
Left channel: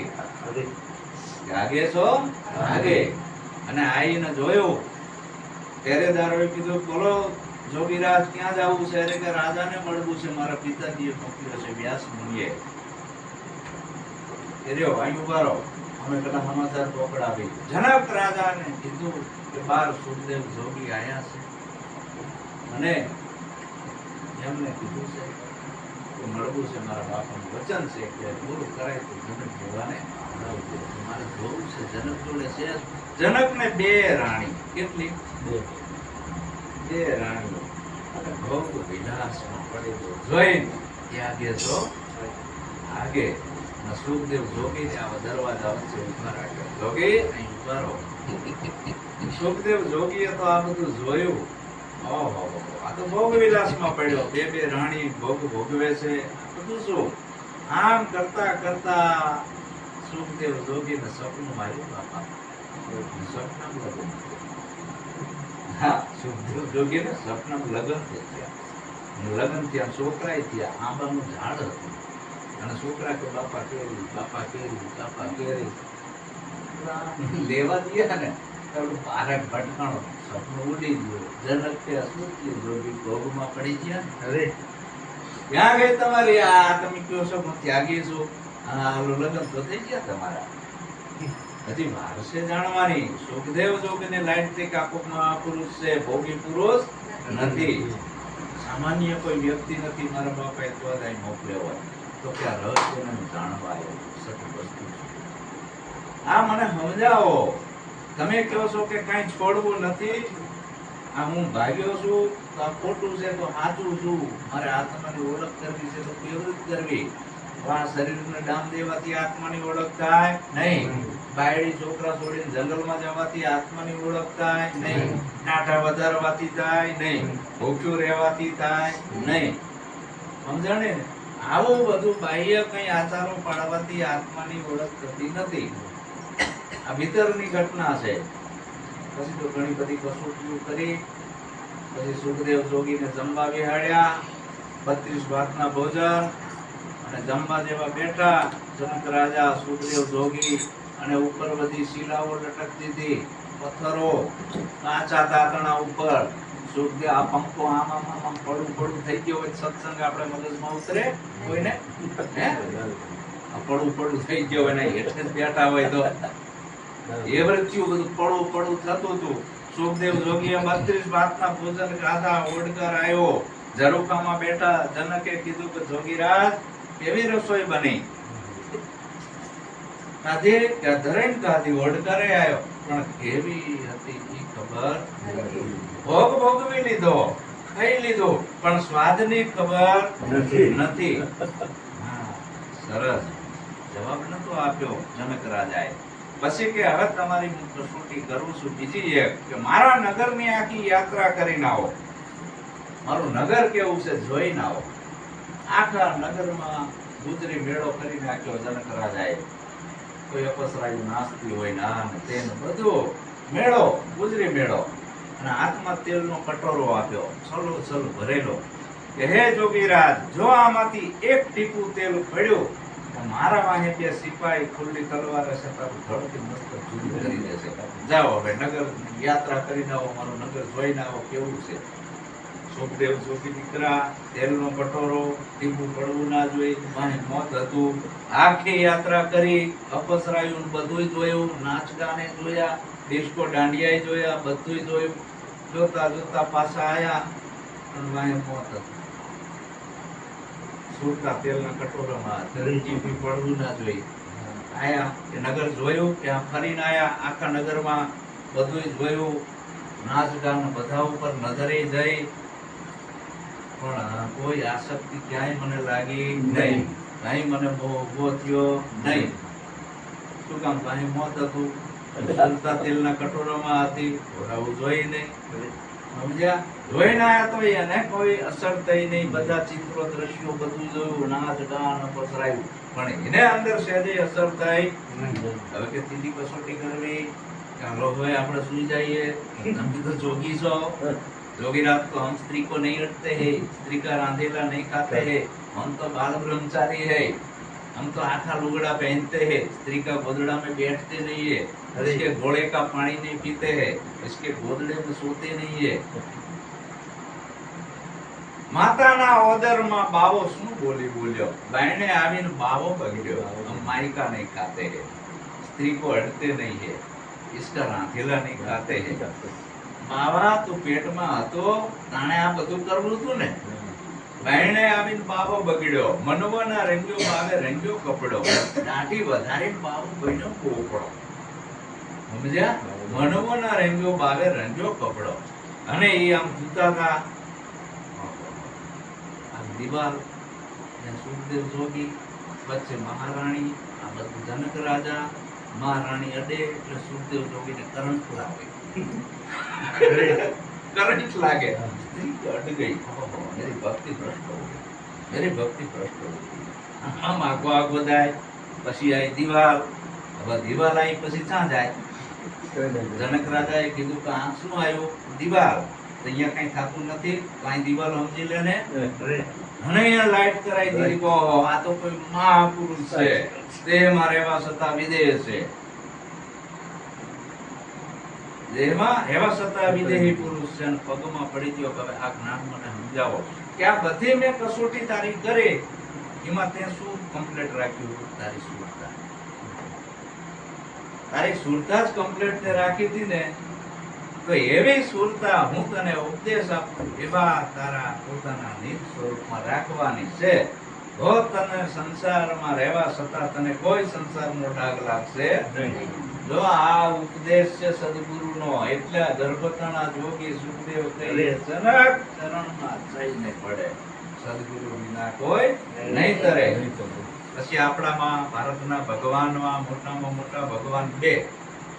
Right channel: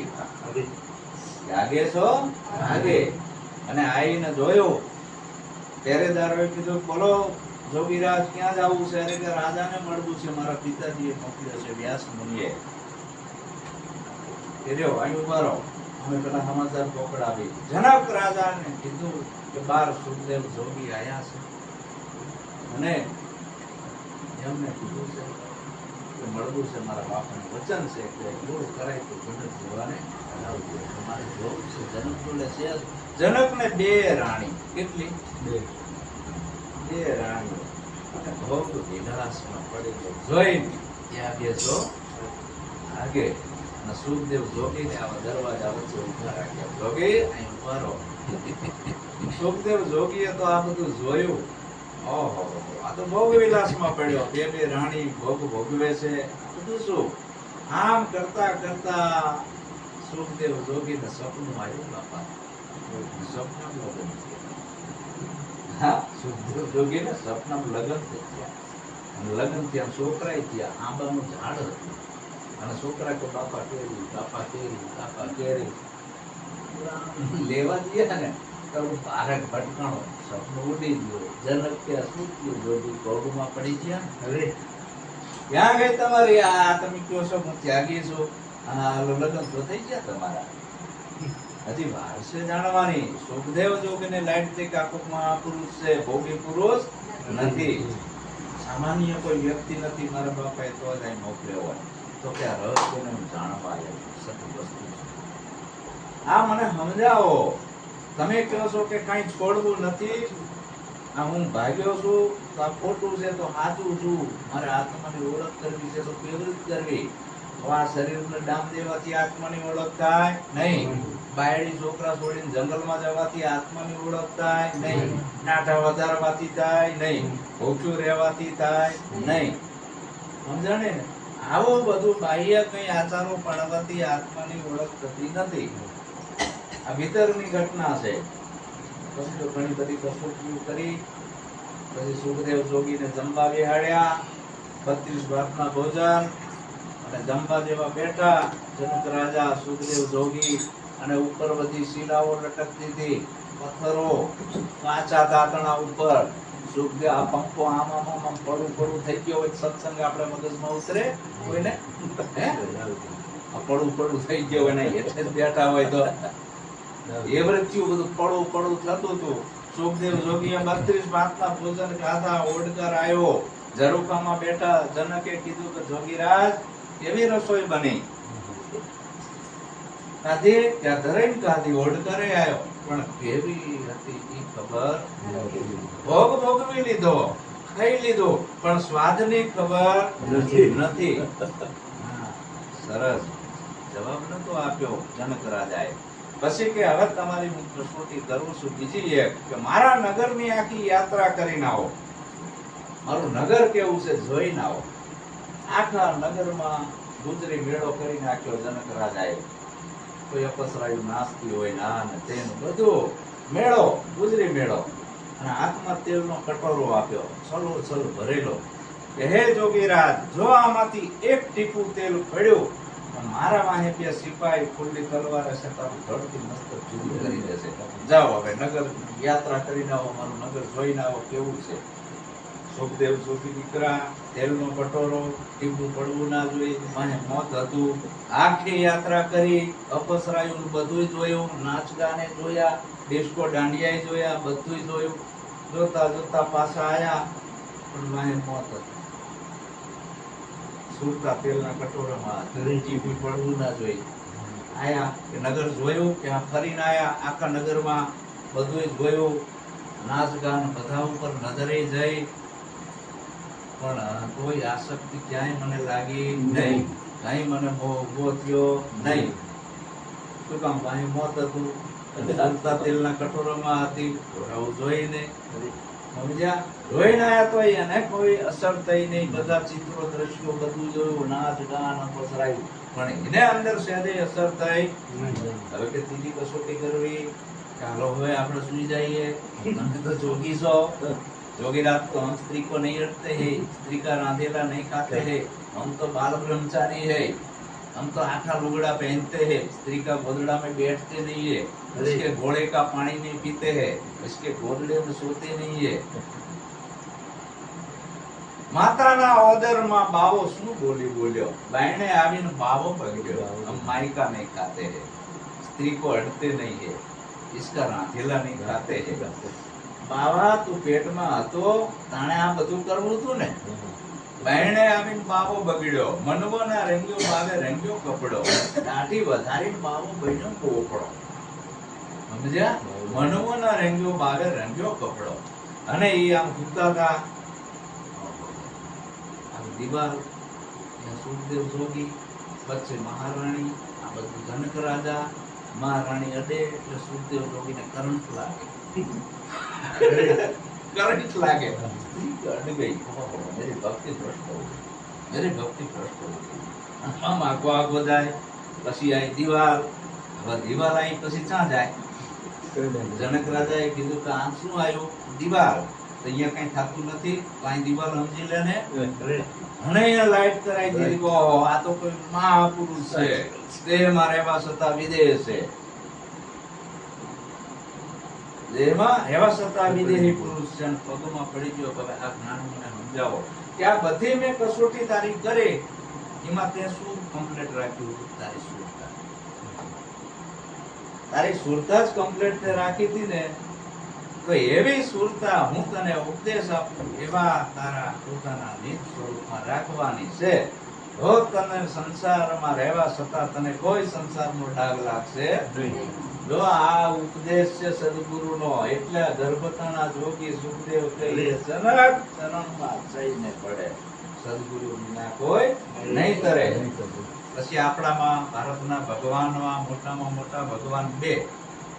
ત્યાગે સો આગે. અને આઈને જોયો, પહેરેદારોએ કીધું, બોલો જોગીરાજ ક્યાં જવું છે? અરે કે રાજાને મળવું છે, મારા પિતાજીએ મોકલ્યો છે, વ્યાસ મુનિએ. રહ્યો અહીં ઉભા રહો, અમે પેલા સમાચાર પકડાવી. જનક રાજાને કીધું કે બાર સુખદેવ જોગી આયા છે અને એમને કીધું છે કે મળવું છે, મારા બાપાનું વચન છે કે ગુરુ કરાય તો જનક જેવાને હરાવજો. મારે જોવું છે જનક જોડે છે. જનકને બે રાણી, કેટલી? બે રાણીઓ. અને ભોગ વિલાસમાં પડેલો જોઈને ત્યાગે છો આગે. સુખદેવ જોગીને આવા દરવાજા વચ્ચે ઉભા રાખ્યા. જોગી અહીં ઉભા રહો. સુખદેવ જોગીએ તો આ બધું જોયું. ઓહો, આ તો ભોગ વિલાસમાં પડ્યો. બે બે રાણી ભોગ ભોગવે છે. બધું શું? આમ કરતા કરતા સુખદેવ જોગીને સપનું આવ્યું. બાપા સપનામાં લગ્ન. હા, સુખદેવ જોગીને સપનામાં લગ્ન થયા. લગ્ન થયા, છોકરાએ થયા. આંબાનું ઝાડ હતું અને છોકરા કે બાપા કેરી, બાપા કેરી, બાપા કેરી. લેવા ગયા ને તો બારક ભટકાણો, સપનું ઉડી ગયું. જનક કે સુખદેવ જોગી ભોગમાં પડી ગયા. અરે ક્યાં ગઈ તમારી આ? તમે કહો છો હું ત્યાગી છું, આ લગ્ન તો થઈ ગયા તમારા. હજી વાર છે જાણવાની. સુખદેવ જોગીને લાઈટ થી કાપકમાં પુરુષ છે, ભોગી પુરુષ નથી. સામાન્ય કોઈ વ્યક્તિ નથી. મારા બાપાએ તો જ અહીં મોકલ્યો હોય તો કે આ રહસ્યને જાણવા આવ્યો. સત્ય વસ્તુ આ મને સમજાવો. તમે કહો છો કે કઈ છોડવું નથી, આ હું ભાગ્યો છું તો આ ખોટું છે તો સાચું છું. મારે આત્માની ઓળખ કરવી છે તો કેવી રીતે કરવી? આ શરીરને દામ દેવાથી આત્માની ઓળખ થાય નહીં. બાયડી છોકરા છોડીને જંગલમાં જવાથી આત્માની ઓળખ થાય નહીં. નાટા વધારવાથી થાય નહીં. ભૂખ્યું રહેવાથી થાય નહીં. સમજણે ને? આવું બધું બાહ્ય કઈ આચારો પાડવાથી આત્માની ઓળખ થતી નથી. આ ભીતરની ઘટના છે. પછી તો ઘણી બધી કસોટીઓ કરી. પછી સુખદેવ જોગીને જમવા બેહાડ્યા. 32 ભાતના ભોજન અને જમવા જેવા બેઠા. જનક રાજા, સુખદેવ જોગી અને ઉપર બધી શિલાઓ લટકતી હતી, પથ્થરો, કાચા દાંતણા ઉપર. સુખદેવ આ પંખો આમ આમ આમ આમ પડું થઈ ગયો હોય સત્સંગ આપણે મગજમાં ઉતરે કોઈને? હે? આ પડું થઈ ગયો હોય ને એટલે જ બેઠા હોય તો એ વૃત્તિઓ બધું પડું થતું હતું. સુખદેવ જોગીએ 32 ભાતના ભોજન ખાધા, ઓડકાર આવ્યો, ઝરૂખામાં બેઠા. જનકે કીધું કે જોગીરાજ કેવી રસોઈ બની? કાઢી કે ધરાઈને કાઢી, ઓડકારે આવ્યો પણ કેવી હતી ઈ ખબર ભોગવી લીધો, ખાઈ લીધો પણ સ્વાદની ખબર નથી. હા, સરસ જવાબ નતો આપ્યો જનક રાજાએ. પછી કે હવે તમારી હું કસોટી કરું છું બીજી એક, કે મારા નગરની આખી યાત્રા કરીને આવો, મારું નગર કેવું છે જોઈને આવો. આખા નગરમાં ગુજરી મેળો કરી નાખ્યો જનક રાજાએ. કોઈ અપસરાયું નાસ્તી હોય ને આ ને તે બધું મેળો, ગુજરી મેળો. અને હાથમાં તેલનો કટોરો આપ્યો, છલો ભરેલો, કે હે જોગીરાજ, જો આમાંથી એક ટીપું તેલ પડ્યું મારા વાહે બે સિપાહી ખુલ્લી તલવારે છે તારું ધડથી મસ્ત જુદું કરી દેશે. જાઓ હવે નગર યાત્રા કરીને આવો, મારું નગર જોઈને આવો કેવું છે. સુખદેવ જોગી દીકરા, તેલનો કટોરો, ટીપું પડવું ના જોઈએ, વાહે મોત હતું. આખી યાત્રા કરી, અપસરાયું બધું જોયું, નાચ ગાને જોયા, ડિસ્કો દાંડિયા જોયા, બધું જોયું. જોતા જોતા પાછા આયા પણ વાહે મોત હતું. સુરતા તેલના કટોરામાં ટીપું પડવું ના જોઈએ. આયા કે નગર જોયું, કે ફરીને આયા, આખા નગરમાં બધું જોયું, નાચ ગાન બધા ઉપર નજરે જઈ પણ કોઈ આસક્તિ ક્યાંય મને લાગી નહીં, કઈ મને મોહ ઉભો થયો નહીં. શું કામ? પાણી મોત હતું, સુરતા તેલના કટોરામાં હતી, આવું જોઈને સમજ્યા. જોઈને આયા તો એને કોઈ અસર થઈ નહીં, બધા ચિત્રો દ્રશ્યો બધું જોયું, નાચ ગાન પસરાયું પણ એને અંદર સહેજે અસર થઈ. હવે કે ત્રીજી કસોટી કરવી, ચાલો હવે આપણે સુઈ જઈએ, તમે તો જોગી છો. जोगीराज को हम स्त्री को नहीं रखते हैं, स्त्री का रांधेला नहीं खाते हैं, हम तो बाल ब्रह्मचारी है, हम तो आखा लुगड़ा पहनते हैं, स्त्री का गोदड़ा में बैठते नहीं है, उसके घोड़े का पानी नहीं पीते हैं, उसके गोदड़े में सोते नहीं है. માતાના ઓદરમાં બાવો શું બોલ્યો? બાયણે આવીને બાવો બગડ્યો, हम माई का नहीं खाते हैं, स्त्री को अड़ते नहीं है, इसका रांधेला नहीं खाते हैं. બાવા તું પેટમાં હતો તાણે આ બધું કરવું હતું ને. બાયણે આવીને બાવો બગડ્યો, મનવો ના રંગ્યો બાવે રંગ્યો કપડો, દાઢી વધારીને બાવો બન્યો પોપડો. સમજ્યા? મનવો ના રંગ્યો બાવે રંગ્યો કપડો. અને એ આમ સૂતા હતા, દિવાલ સુખદેવ જોગી, વચ્ચે મહારાણી, આ બધું જનક રાજા. મહારાણી અડે એટલે સુખદેવ જોગીને કરંટ લાગે. करंट लागे, अड़ गई, मेरी भक्ति भ्रष्ट हो गई, मेरी भक्ति भ्रष्ट हो गई. हम आगो जाए, પછી આઈ દિવાલ. હવે દિવાલ આઈ પછી ક્યાં જાય? જનક રાજાએ કીધું કે આ શું આવ્યું? દિવાલ. તો અહીંયા કઈ થાતું નથી, કઈ દિવાલ સમજી લે ને. અને અહીંયા લાઈટ કરાઈ દીધી કે આ તો કોઈ મહાપુરુષ છે, દેહમાં રહેવા છતાં વિદેહ છે, દેહમાં રહેવા છતાં વિદેહી પુરુષ છે. પગમાં પડી ગયો કે આ જ્ઞાન મને સમજાવો કે આ બધી મેં કસોટી તારી કરે એમાં તે શું કમ્પ્લીટ રાખ્યું? તારી સુરતા. તારી સુરતા જ કમ્પ્લીટ તે રાખી હતી ને, તો એવી સુરતા હું તને ઉપદેશ આપું એવા તારા પોતાના નિજ સ્વરૂપમાં રાખવાની છે. જો તને સંસારમાં રહેવા છતાં તને કોઈ સંસારનો ડાઘ લાગશે નહીં. જો આ ઉપદેશ છે સદગુરુનો, એટલે ગર્ભતાના જોગી સુખદેવ કહે જનક ચરણમાં જઈને પડે, સદગુરુ વિના કોઈ નહીં તરે. પછી આપણામાં ભારતના ભગવાનમાં મોટામાં મોટા ભગવાન બે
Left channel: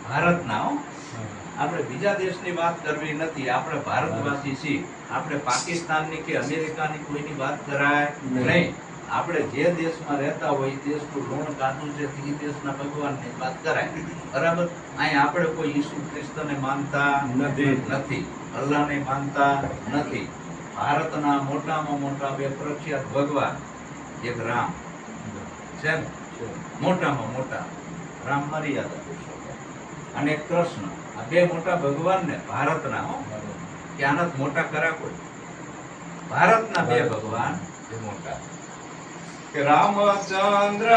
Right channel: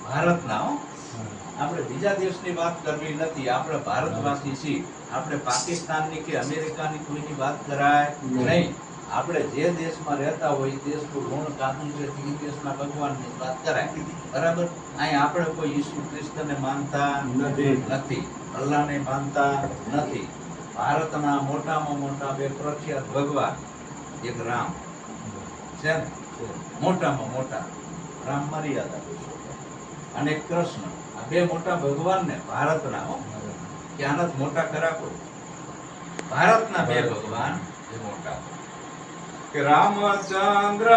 ભારતના. આપણે બીજા દેશની વાત કરવી નથી, આપણે ભારતવાસી છીએ. આપણે પાકિસ્તાનની કે અમેરિકાની કોઈની વાત કરાય નહીં. આપણે જે દેશમાં રહેતા હોય એ દેશનું ઋણ કાઢવું છે, તે દેશના ભગવાનની વાત કરાય. બરાબર? અહીં આપણે કોઈ ઈસુ ખ્રિસ્તને માનતા નથી, અલ્લાહને માનતા નથી. ભારતના મોટામાં મોટા બે પ્રખ્યાત ભગવાન, એક રામ છે ને, મોટામાં મોટા. રામ મર્યાદા પુરુષોત્તમ અને કૃષ્ણ, આ બે મોટા ભગવાન ને ભારતના હો, કે આના મોટા ખરા કોઈ? ભારતના બે ભગવાન એ મોટા કે રામચંદ્ર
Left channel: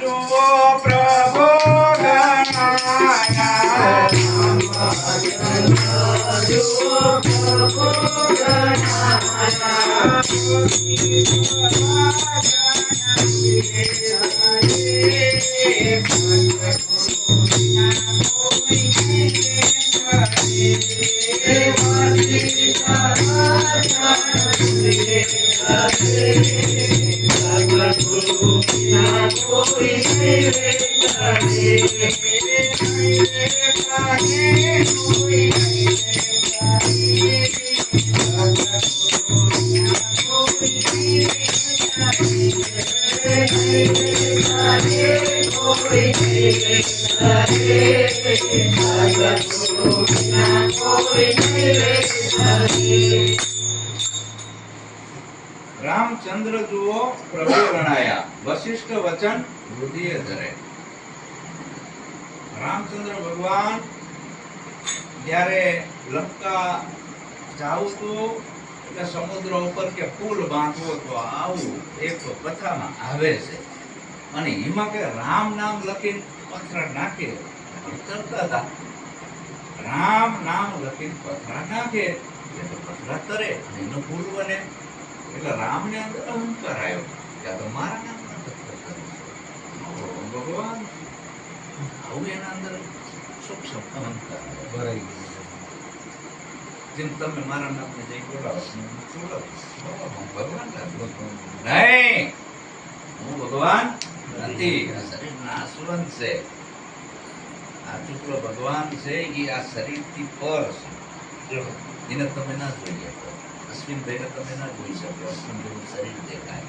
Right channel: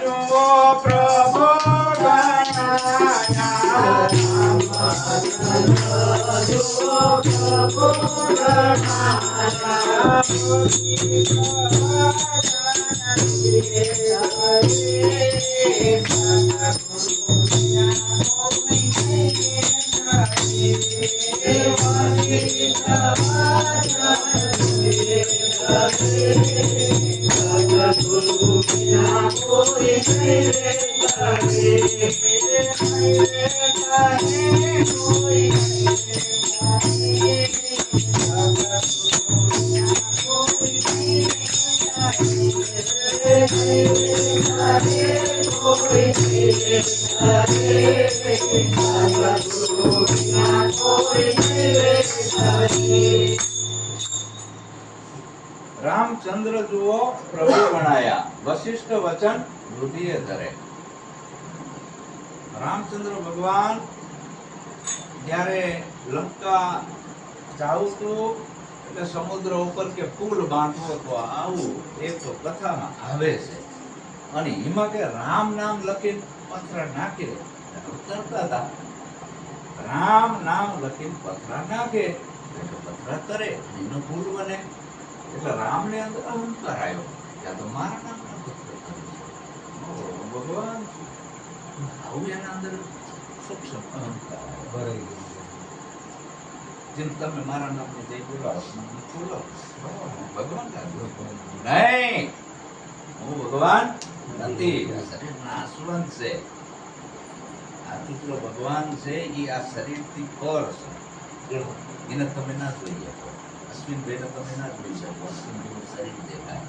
જુઓ પ્રભુ ગણાયા, રામચંદ્ર જુઓ પ્રભુ ગણાયા, રામચંદ્ર જુઓ પ્રભુ ગણાયા, વશિષ્ઠ વચન વૃદ્ધિએ ધરે. રામચંદ્ર ભગવાન જ્યારે લંકા જાવું તો એટલે સમુદ્ર ઉપર કે પુલ બાંધવો તો આવું એક કથામાં આવે છે, અને એમાં કે રામ નામ લખીને પથરા નાખે તરતા હતા. રામ નામ લખીને પથરા નાખે એટલે પથરા તરે, એનું પુલ બને. એટલે રામને અંદર અહંકાર આવ્યો કે આ તો મારા નામના પથ્થર છે. ભગવાન આવું એના અંદર સૂક્ષ્મ અહંકાર આવ્યો. જેમ તમે મારા નામને જઈ બોલાવો ભગવાન નહીં, હું ભગવાન નથી, આ શરીર નાશવંત છે. આ ટુકડો ભગવાન છે એ આ શરીરથી પર છે, એને તમે ના જોઈ શકો. અશ્વિનભાઈને તમે ના જોઈ શકો, અશ્વિનભાઈનું શરીર દેખાય.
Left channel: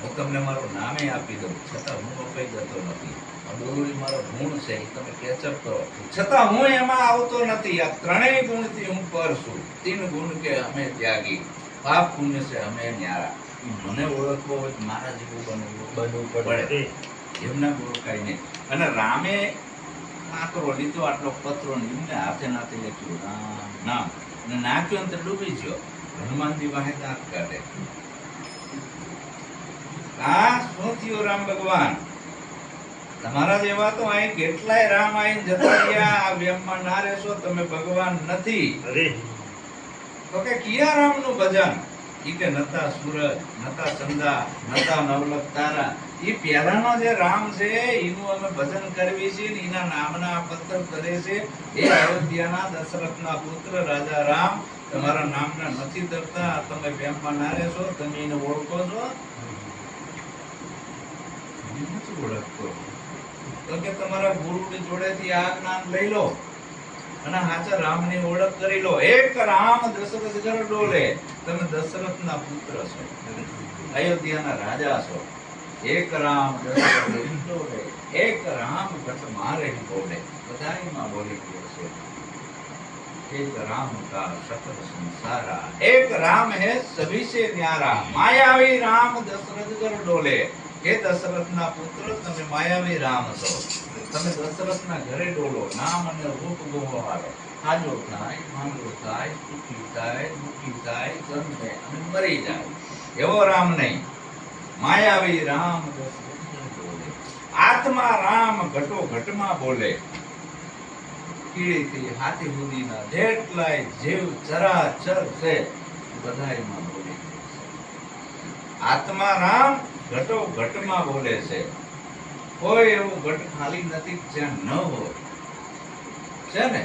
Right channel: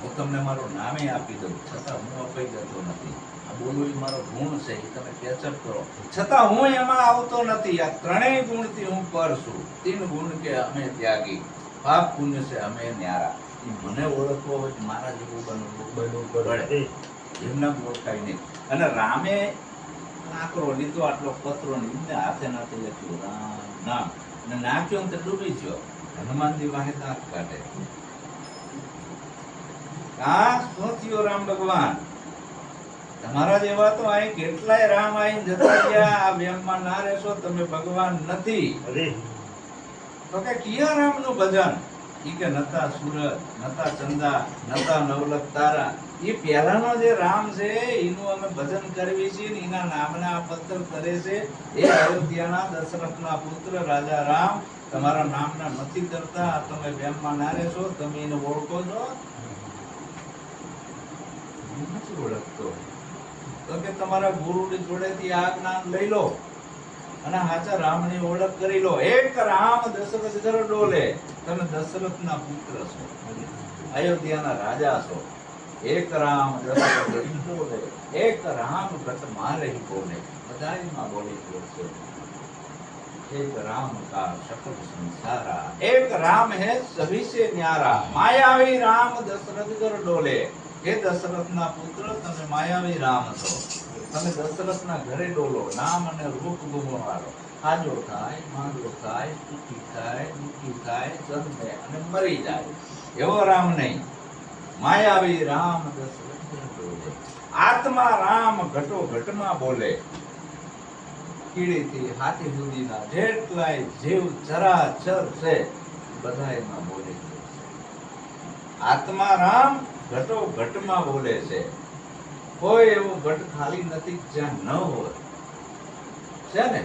હું તમને મારું નામે આપી દઉં છતાં હું અપાઈ જતો નથી. આ બોલવું એ મારો ગુણ છે, એ તમે કેચઅપ કરો, છતાં હું એમાં આવતો નથી. આ ત્રણેય ગુણથી હું પર છું. 3 ગુણ કે અમે ત્યાગી, પાપ પુણ્ય છે અમે ન્યારા. એ મને ઓળખવો હોય મારા જેવું બનવું પડે, એમના ઓળખાય નહીં. અને રામે કાંકરો લીધો, આટલો પથરો ને એમને હાથે નાથે લખ્યું રામ નામ, અને નાખ્યો ને તો ડૂબી ગયો. હનુમાનજી વાહે દાંત કાઢે. આ શું થયો? રામ ભગવાન તમારા જેવા તો અહીં કેટલાય રામ આઈને જતા રહ્યા. આ વ્યમમાં ના રહેશો તમે ભગવાન નથી. તો કે કિયા રામનું ભજન? ઈ કે નતા સૂરજ, નતા ચંદા, નતા નવલખ તારા. ઈ પહેલાનો જે રામ છે એનું અમે ભજન કરવી છે ને એના નામના પત્તર કરે છે. એ અયોધ્યાના દશરથના પુત્ર રાજા રામ તમારા નામના નથી ધરતા. તમે વ્યમમાં ના રહેશો, તમે એને ઓળખો છો? નથી ઓળખતો. તો કે તમારા ગુરુની જોડેથી આ જ્ઞાન લઈ લો અને સાચા રામની ઓળખ કરી લો. એક રામ દશરથ ઘર ડોલે. તમે દશરથના પુત્ર છો, અયોધ્યાના રાજા છો. એક રામ દશરથ ડોલે, એક રામ ઘટ મારે બોલે. બધાયમાં બોલી બોલશે. एक राम का सकल संसारा, एक राम है सभी से न्यारा. मायावी राम दशरथ घर डोले. हे દશરથના પુત્ર, તમે માયાવી રામ છો. તમે દશરથના ઘરે ડોલો. નામ અને રૂપ ગુમાવો. હાજો થાય, માંગો થાય, સુખી થાય, દુઃખી થાય, ગંધે અને મરી જાય. એવો રામ નહીં. માયાવી રામ દશરથ ઘર ડોલે. આત્મા રામ ઘટો ઘટમાં બોલે. કીડીથી હાથી સુધીના જેટલાય જીવ ચરાચર છે બધાયમાં બોલે છે. આત્મા રામ ઘટો ઘટમાં બોલે છે. કોઈ એવું ઘટ ખાલી નથી જ્યાં ન હોય, છે ને?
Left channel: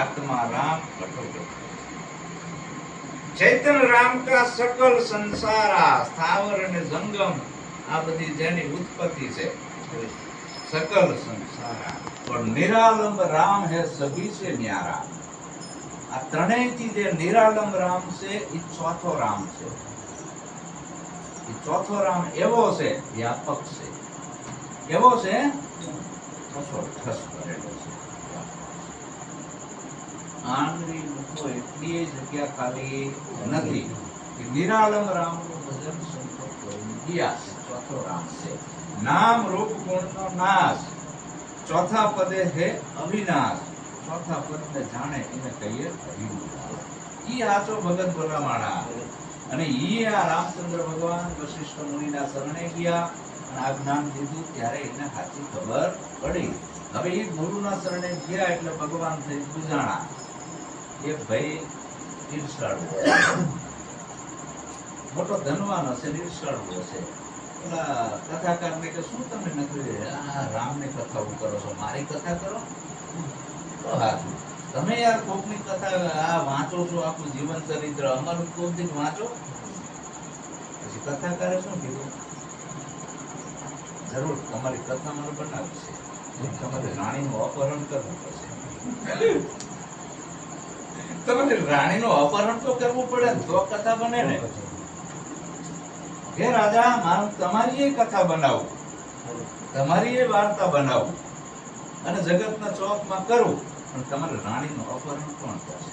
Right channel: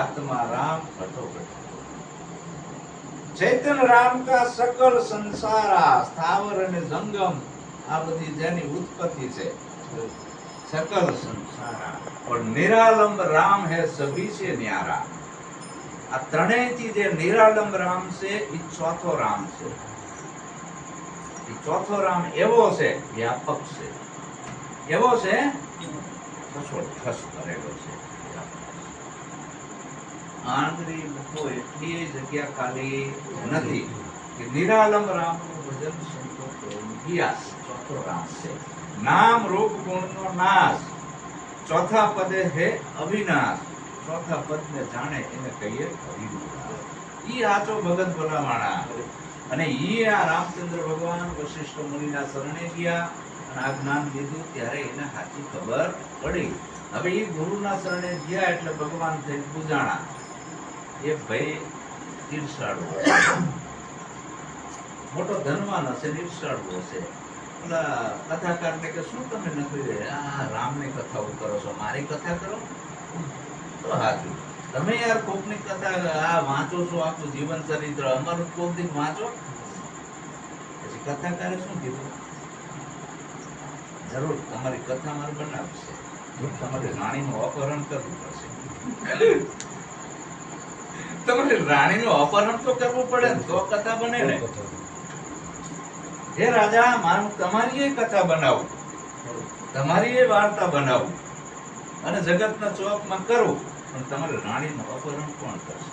આત્મા રામ ઘટો ઘટ. ચૈતન્ય રામ કા સકલ સંસારા. સ્થાવર અને જંગમ આ બધી જેની ઉત્પત્તિ છે, सकल संसारा. और निरालंब राम है सभी से न्यारा. આ ત્રણેયથી જે નિરાલંબ રામ છે એ ચોથો રામ છે. એ ચોથો રામ એવો છે, વ્યાપક છે. એવો છે, ઠસ કરેલો છે. આંગળી મૂકો એટલી જગ્યા ખાલી નથી કે નિરાલંબ રામનું ભજન સંતો ગયા. ચોથો રામ છે. નામ રૂપ ગુણનો નાશ. ચોથા પદે હે અવિનાશ, ચોથા પદને જાણે એને કહીએ અવિનાશ. ઈ આચો ભગત ભલામાણા. અને ઈ આ રામચંદ્ર ભગવાન વશિષ્ઠ મુનિના શરણે ગયા અને આ જ્ઞાન લીધું ત્યારે એને સાચી ખબર પડી. હવે એ ગુરુના શરણે ગયા એટલે ભગવાન થઈ પૂજાણા. એ ભાઈ ઈર્ષાળુ મોટો ધનવાન હશે, ઈર્ષાળુ હશે. ઓલા કથાકારને કે શું તમે નથી આ રામની કથાઓ કરો છો, મારી કથા કરો તો સાચું. તમે યાર કોકની કથા આ વાંચો છો, આખું જીવન ચરિત્ર અમારું કોક દિન વાંચો. પછી કથાકારે શું કીધું? જરૂર તમારી કથા મારે બનાવવી છે, તમારે રાણીનું અપહરણ કરવું પડશે. તમારે રાણીનું અપહરણ તો કરવું પડે ને તો કથા બને ને. હે રાજા, મારું તમારી એ કથા બનાવું, તમારી એ વાર્તા બનાવું અને જગતના ચોકમાં કરું, પણ તમારે રાણીનું અપહરણ કોણ કરશે?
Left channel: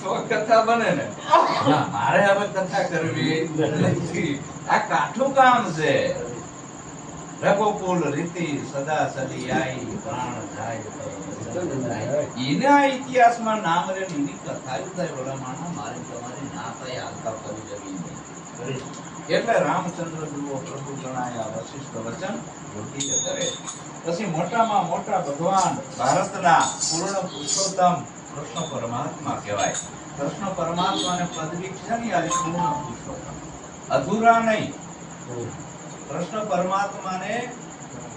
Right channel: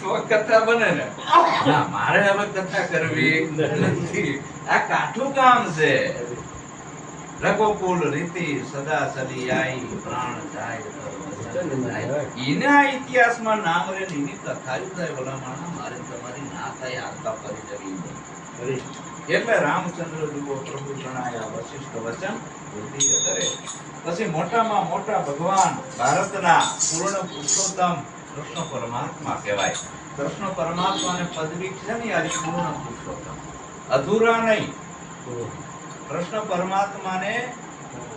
તો કથા બને ને. ના, મારે હવે કથા કરવી નથી. આ કાઠું કામ છે. રઘુકુલ રીતિ સદા સદી આઈ, પ્રાણ જાય ઈના ઇતિહાસમાં નામ રે ની કથાયું થાય. ઓલા માણસ મારે તમારી ના થાય આલતા ફરી જવી. એટલે રામચંદ્ર જુઓ પ્રભુ જણાયા વશિષ્ઠ વચન બુદ્ધિ કરે. પછી મોટામાં મોટા ભગવાન ભારતના પૂર્ણ પુરુષોત્તમ કૃષ્ણ પરમાત્મા કહેવાય. કૃષ્ણ પરમાત્માને પદવી છે ને યાર, પૂર્ણ પુરુષોત્તમ, અધૂરા નહીં. કૃષ્ણ પરમાત્માને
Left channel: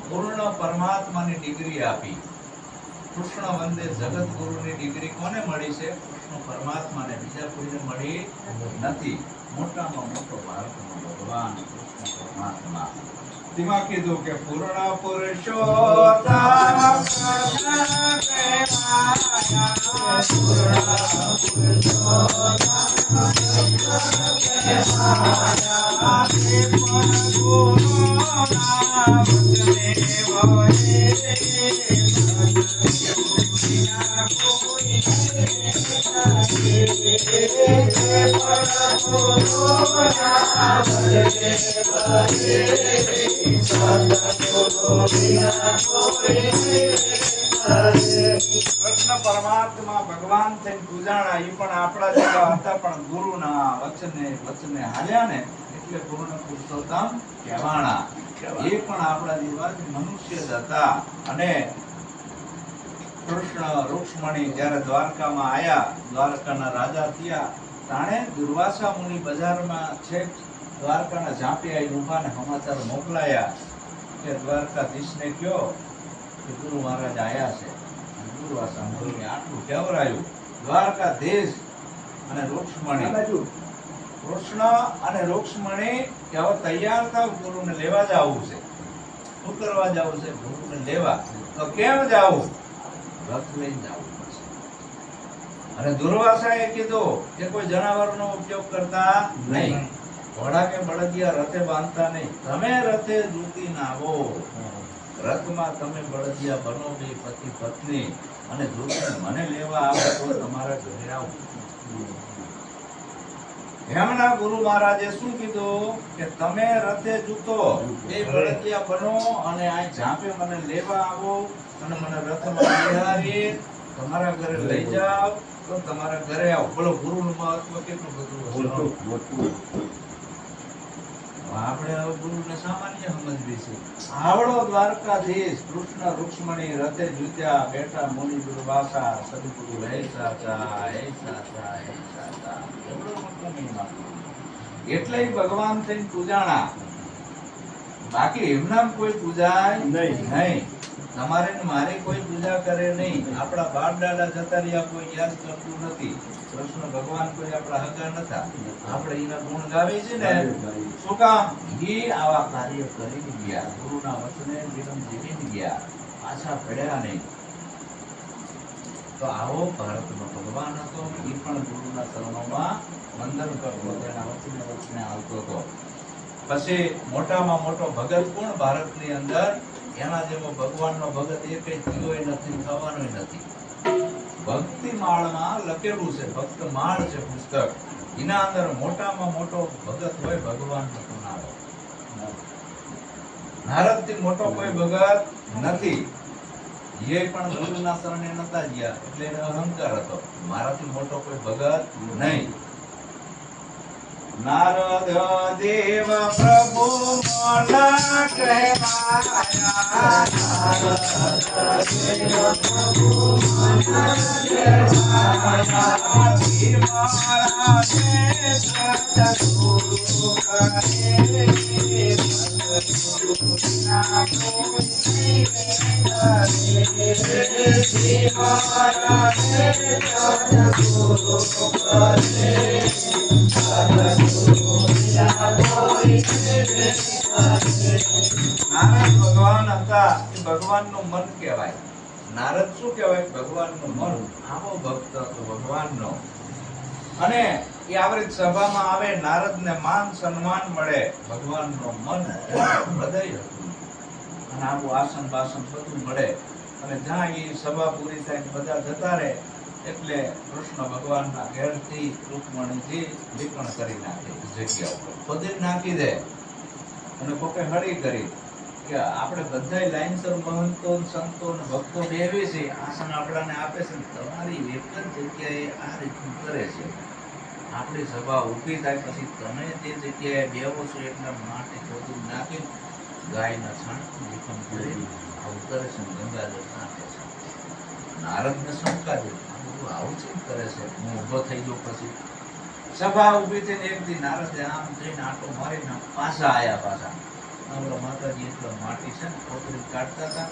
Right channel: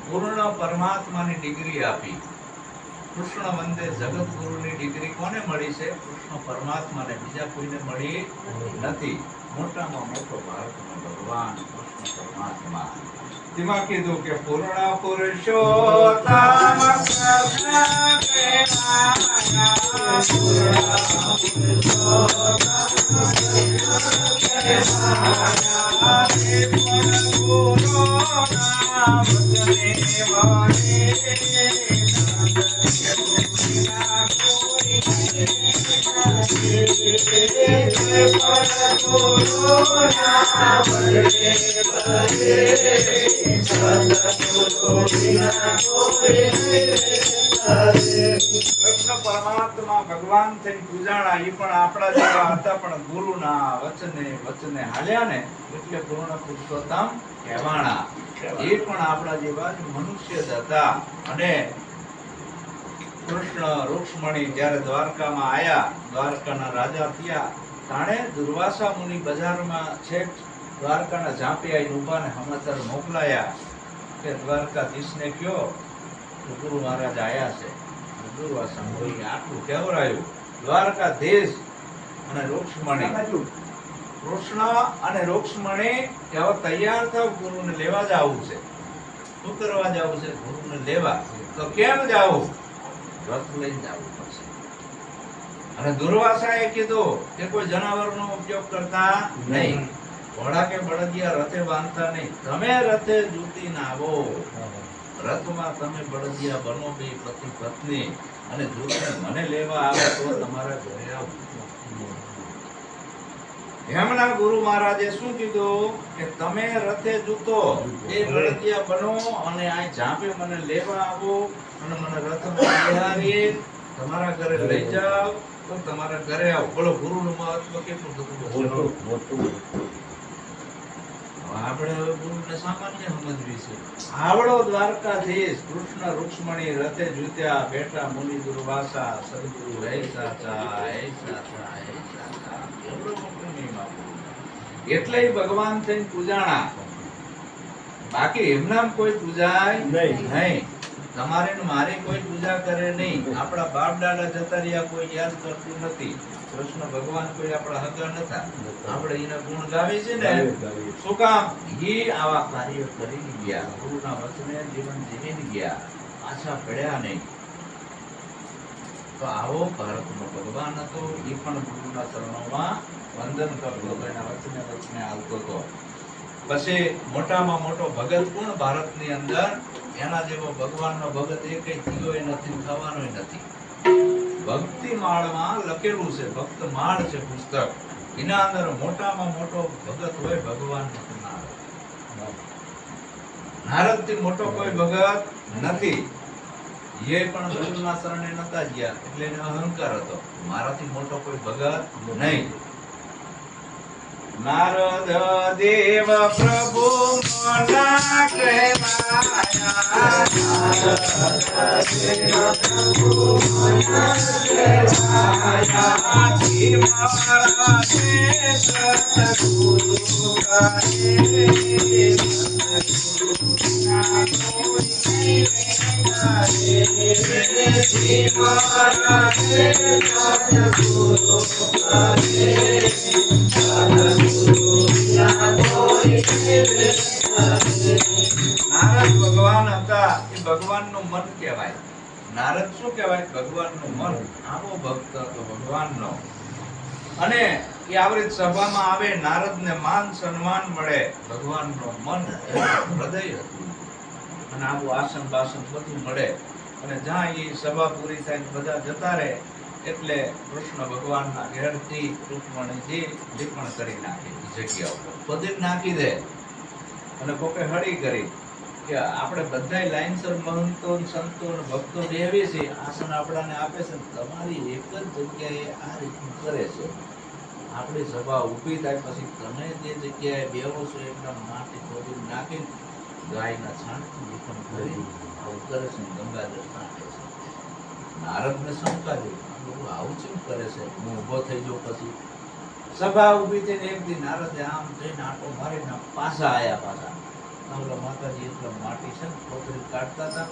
પૂર્ણ પરમાત્માની ડિગ્રી આપી. કૃષ્ણ વંદે જગત ગુરુની ડિગ્રી કોને મળી છે? કૃષ્ણ પરમાત્માને, બીજા કોઈને મળી નથી. મોટામાં મોટો ભારતનો ભગવાન કૃષ્ણ પરમાત્મા. તેમાં કીધું કે પૂર્ણ પુરુષોત્તમ કૃષ્ણ કહેવાયા, કૃષ્ણ પરમાત્મા ભગવાન થઈને પૂજાણા. એ પણ આપણા જેવા હતા, પણ ગુરુના વચને હાલ્યા ને એટલે પૂર્ણ પુરુષોત્તમ કહેવાણા. એ પણ આપણા જેવા જ મનુષ્ય જ હતા. અને કૃષ્ણ રૂક્ષ્મણી જ્યારે દ્વારકામાં આયા, દ્વારકાના રાજા થયા, તાણે દુર્વાસા મુનિ બજારમાં છેક દ્વારકાના ઝાંપી આવીને ઉભાને સમાચાર મોકલાયા કે દ્વારકાધીશને કયો કે ગુરુ મહારાજ આયા છે. દુર્વાસા મુનિએ આટલું કેવરાયું. દ્વારકાધીશ અને રૂક્ષ્મણી, કૃષ્ણ અને રૂક્ષ્મણી કે હવે તૈયાર થાવ, ગુરુને લેવા જવું છે. શું કરવા જવું છે? ગુરુને લેવા. તો કેમ જવું? રથ લઈને જવું પડશે. અને દુર્વાસાએ કીધું કે કોઈ જનાવરનો ઉપયોગ કરતા નહીં, ઘોડા કે બળદિયા રથે બાંધતા નહીં, તમે રથે જૂતીને આવો. રથમાં તમે બળદિયા બનો, બે પતિ પત્ની, અને જૂતી મને લેવા આવે તો તમારા ઘરે આવું. એમના ગુરુ મહારાજે શું કીધું કે તમે રથે જૂતો એ બળદિયા બનો અને આ ઝાંપે મને લેવા આવો અને મને રથમાં બિહારી તમારા ઘરે લઈ જાઓ તો તમારા ઘરે આવો. બોલો, ગુરુનું મહત્વ કેટલું બધું. આપણે હવે ગુરુને સામાન્ય સમજવી છે. આવડો દ્વારકાધીશ કૃષ્ણ રૂક્ષ્મણી રથે જૂત્યા બેઠા, મુનિ દુર્વાસા સદગુરુ હે સાચા, હે સાચા, હે સાચા. એવડો મોટો મહિમા. એટલે ભગવાન થઈને પૂજાણા. બાકી એમનામ કોઈ પૂજાય નહીં. તમારે ને મારે કોઈ પૂજા કરે નહીં. આપણા બાપ દાદા જતા રહ્યા, કોઈ યાદ કરતું નથી. કૃષ્ણ ભગવાન કોઈ આપણા હગા નતા, આપણે એના ગુણ ગાવી છે ને. શું કામ? એ આવા કાર્ય કરીને ગયા, ગુરુના વચને જીવન જીવીને ગયા, પાછા પડ્યા નહીં. તો આવો ભારતનો ભગવાન હતો. એ પણ ગુરુના ચરણોમાં વંદન કરતો હતો, એના વચને આવતો હતો. પછી મોટામાં મોટો ભગત કોણ ભારતની અંદર? એના જેવો ભગવાનનો ભગત એકેય થયો નથી, થવાનો નથી. ભક્તિ માળમાં લખેલું છે, ભક્ત માળ છે પુસ્તક, એના અંદર મોટામાં મોટો ભગત હોય ભગવાન નું નામ. નારદથી મોટો કોઈ ભગત નથી. એ પણ ગુરુના શરણે નતા ગયા એટલે એને અહંકાર હતો, મારાથી મોટો કોઈ ભગત નહીં. નારદ દેવ પ્રભુ મોના કહેવાયા, મારા સતગુરુ નારદ ભગવાન હતા, એ ભગવાનનું મન કહેવાય. નારદ શું કહેવાય? ભગવાનનું મન. આવો ભક્ત હતો ભગવાનનો. અને એ આવરી સભામાં આવે, નારદને માન સન્માન મળે. ભગવાનનું મન, હૃદય હતું. અને આવું આસન બાસન બધું મળે. અને જ્યાં એ સભા પૂરી થાય બધા જતા રહે એટલે કૃષ્ણ ભગવાનના ઘેરથી રૂકમણીજી લીપણ કરી નાખે જગ્યા ઉપર, પદીર નાખી દે. અને કોકે હળી કરી કે આપણે બધાય લાઈનસર મહંતો સંતો અને ભક્તો બેહી છે, આસન આપણાને આપે છે, તમારી એક જ જગ્યાએ આ રીતનું કરે છે. આપણી સભા ઊભી થાય પછી તમે જે જગ્યાએ બેહો છો એકદમ માટી ખોદી નાખી ગાયના છાણથી લીપણ કરી આવું કરે છે, ગંગાજળ છાંટે છે. નારદને શંકા થઈ, આવું કેમ કરે છે? હું ઊભો થઈ ગયો પછી સભા ઊભી થઈને એક દી નારદે આમ થઈને આંટો મારીને પાછા આયા. પાછા આપણા માતાજી એટલો માટી છે ને ખોતરી કાઢતા હતા,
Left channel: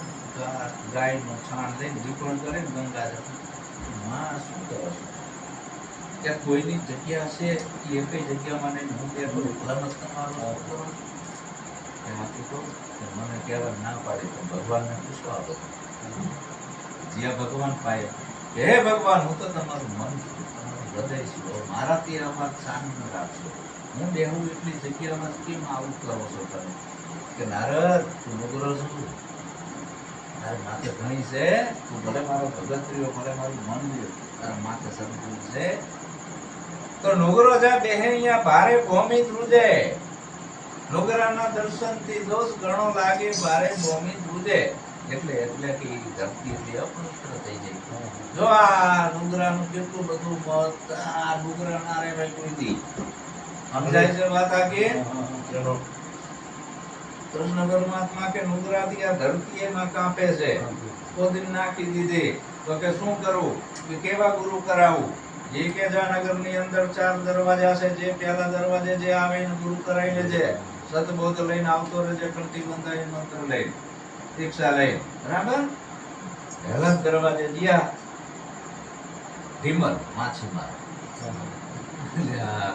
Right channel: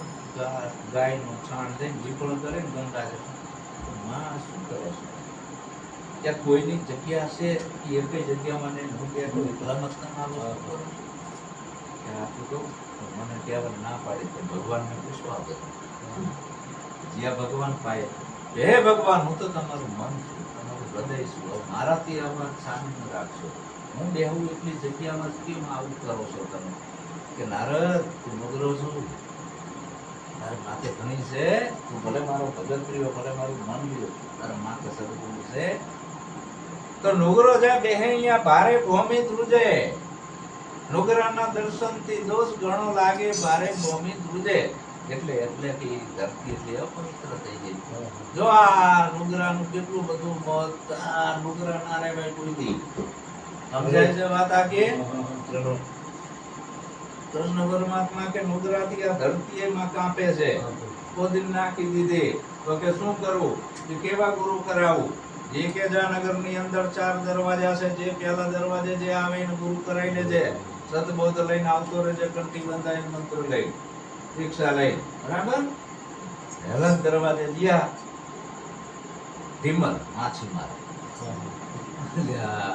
ગાયનું છાણ લઈને લીપણ કરે ને ગંગાજળ. માં શું કરો છો? ત્યાં કોઈની જગ્યા છે એ કઈ જગ્યામાં નહીં, હું ત્યાં એકલા મત તમારો કરો. આપું કહું મને કહેવા ના પાડી તો ભગવાનને પૂછવા દો. જ્યાં ભગવાન પાય, હે ભગવાન હું તો તમારું મન છું, તમારું હૃદય છું, મારાથી આમાં શાંત રાખશો. હું બેહું એટલી જગ્યામાં કેમ આવું કરો છો તમે? કે નારદ તું નુગરો છું, તારે માથે ઘણી છે, તું ભલે મારો ભગત રહ્યો, ભલે મારું મન રહ્યો, તારા માથે સદગુરુ છે તો નુગરો જા બેહે અહીંયા ભારે ભૂમિ ધ્રુજે. નુગરાના દર્શનથી દોષ ઘણો લાગે, ભારે ભૂમિ ધ્રુજે. એટલે કે ધરતી એટલી અપવિત્ર થઈ જાય. જો આ નુગરાનું કેટલું બધું મત, આ નુગરા ના રે ભાઈ કોઈ દી સમજાય છે વાત આ કે કૃષ્ણ પરમાત્મા કે નુગરાથી આ ધરતી એમાં કાંપે છે, કોદીન નાખી દીધી. તો કે શું કરું? કે કેવા ગુરુ કરાવું? જે કે જાનગર ની અંદર 4 દરવાજા છે, જે પહેલા દરવાજે જે આવે એને ગુરુ કરાવી લેજે. સતબોધ લઈને આવતો રહેજે, કંઠી બંધાઈ મંત્ર લઈ દીક્ષા લઈ, બરાબર? પહેલા દરવાજે ગયા વિમલ માછીમાર.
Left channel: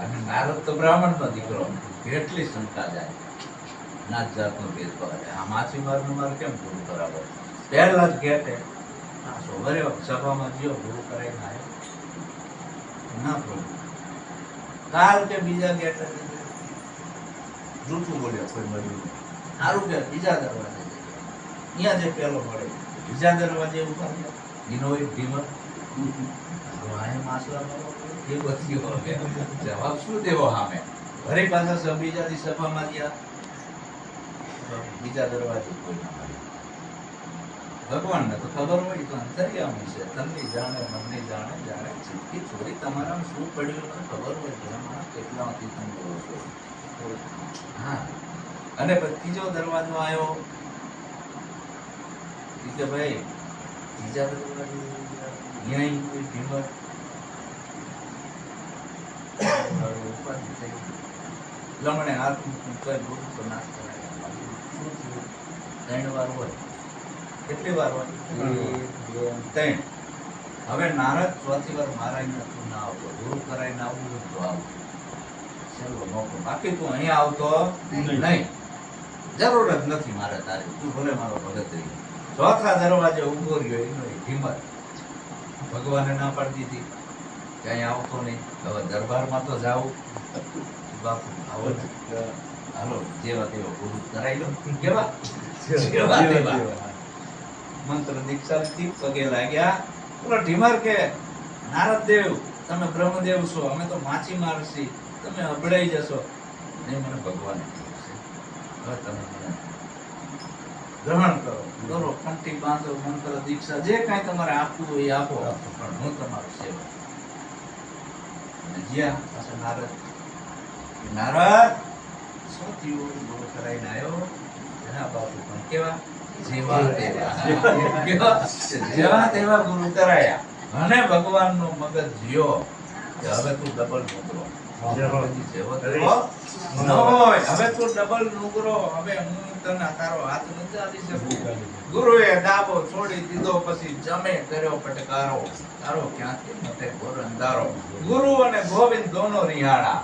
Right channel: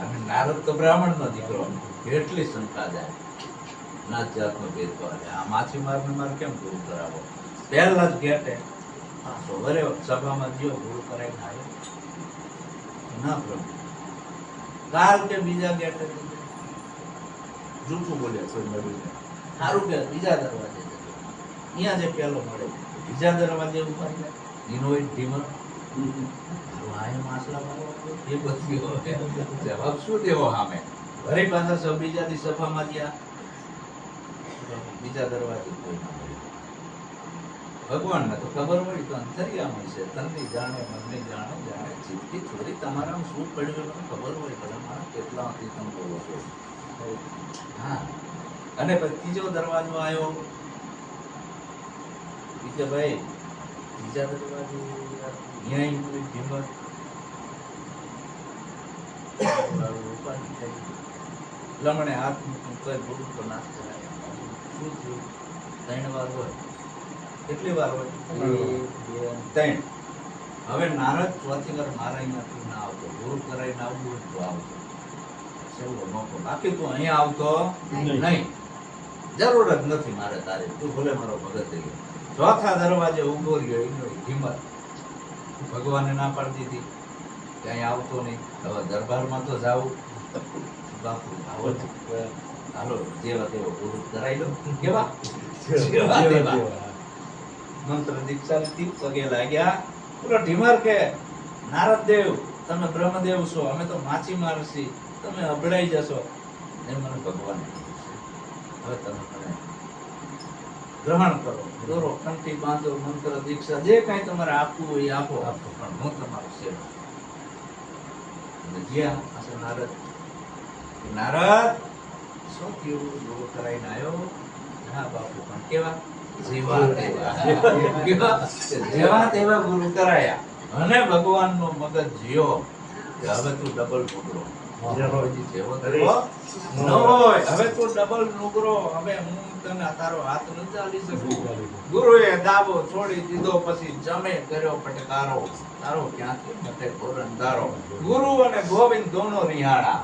અને નારદ તો બ્રાહ્મણ નો દીકરો, કેટલી શંકા જાય, નાત જાતનો ભેદભાવ. આ માછીમાર ને મારે કેમ ગુરુ કરાવો? પહેલા જ ગેટે સભામાં ગયો, ગુરુ કરાવીને આવ્યો. ના પ્રભુ, કાલ કે બીજા ગેટે જૂઠું બોલ્યો, કોઈ મળ્યું નહીં. સારું કે બીજા દરવાજે અહીંયા જે પેલો મળે, બીજા દરવાજે ઉભા ગયા, એનો એક ભીમર જવાબ શું દેવો સામે? ઘરે પાછા બીજાની સભામાં ગયા, બીજા દરવાજે કોઈ ના મળ્યું. ભગવાનને તો ખબર પડી તો અંતર્યામી છે, તમને જાણે મને જાણે, જાણે ચીટકી થોડી તમારામાં શું પડ્યું મને ખબર હોય, ભલે મારા કેટલાથી તમે બોલો છો. હા, અને ત્રીજો દરવાજો આવ્યો કે ભાઈ બીજા દરવાજો અહીંયા લમણે હાથ મૂકીને ગુરુ તો નાશ કરાય. શું થયું? 3 વાર હોય. કેટલી વાર હોય? 1, 2, 3. હવે નારદ ચોથી વાર મારા અહીંયા તું ના આવતો, ગુરુ કરાવીને આવવું હોય તો આવું, છેલ્લો મોકો. બાકી તું અહીંયા આવતો નહીં, જરૂર જ નથી મારે તારી, તું ભલે મારો ભગત રહી. ચોથા દરવાજે ઉભો રહ્યો, એનો હિંમત. ભગવાને ના પાડી દીધી કે અહીંયા આવતો નહીં. હવે દરબારમાં તો જાવું, બાપુ આવો હાલો જેવા તેવા ગુરુ કરાવી લો. કેવા મંત્ર દીક્ષા થી પગે લાગ્યા. પેલો ઢીમર કે નારદ દેવ તમે બ્રહ્મદેવ છો, અમે તો માછીમાર છીએ, તમે અબડાઈ જશો. એ મને ભગવાને કીધું છે, હવે તમે મને ગ્રહણ કરો, દોરો, કંઠી બાંધો, મંત્ર દીક્ષા જે કાંઈ તમારે આપવું હોય એ આપો, પણ હું તમારો સેવક. અને જ્યાં પાસે નારદ, નારદ શું થયું? ગુરુ કરાઈને આવ્યો. હા બાપુ, પણ કેવા? જેવા તેવા. કેવા? જેવા તેવા ગુરુ કરાયા. અને ભગવાનનો મગજ જ્યો કે હવે તું ડબલ નુગરો. જેવો તેવો ન હોય, હવે તું ડબલ નુગરો. હવે હું તને તારો હાથ નથી ચાલી શકું. ગુરુએ દાબો છોડી દીધો, પછી જમે કર્યો પટકારો. તારો ક્યાંથી મતે ઘોર અંધારો. ગુરુ અને ગોવિંદ દોનો રિહાણા,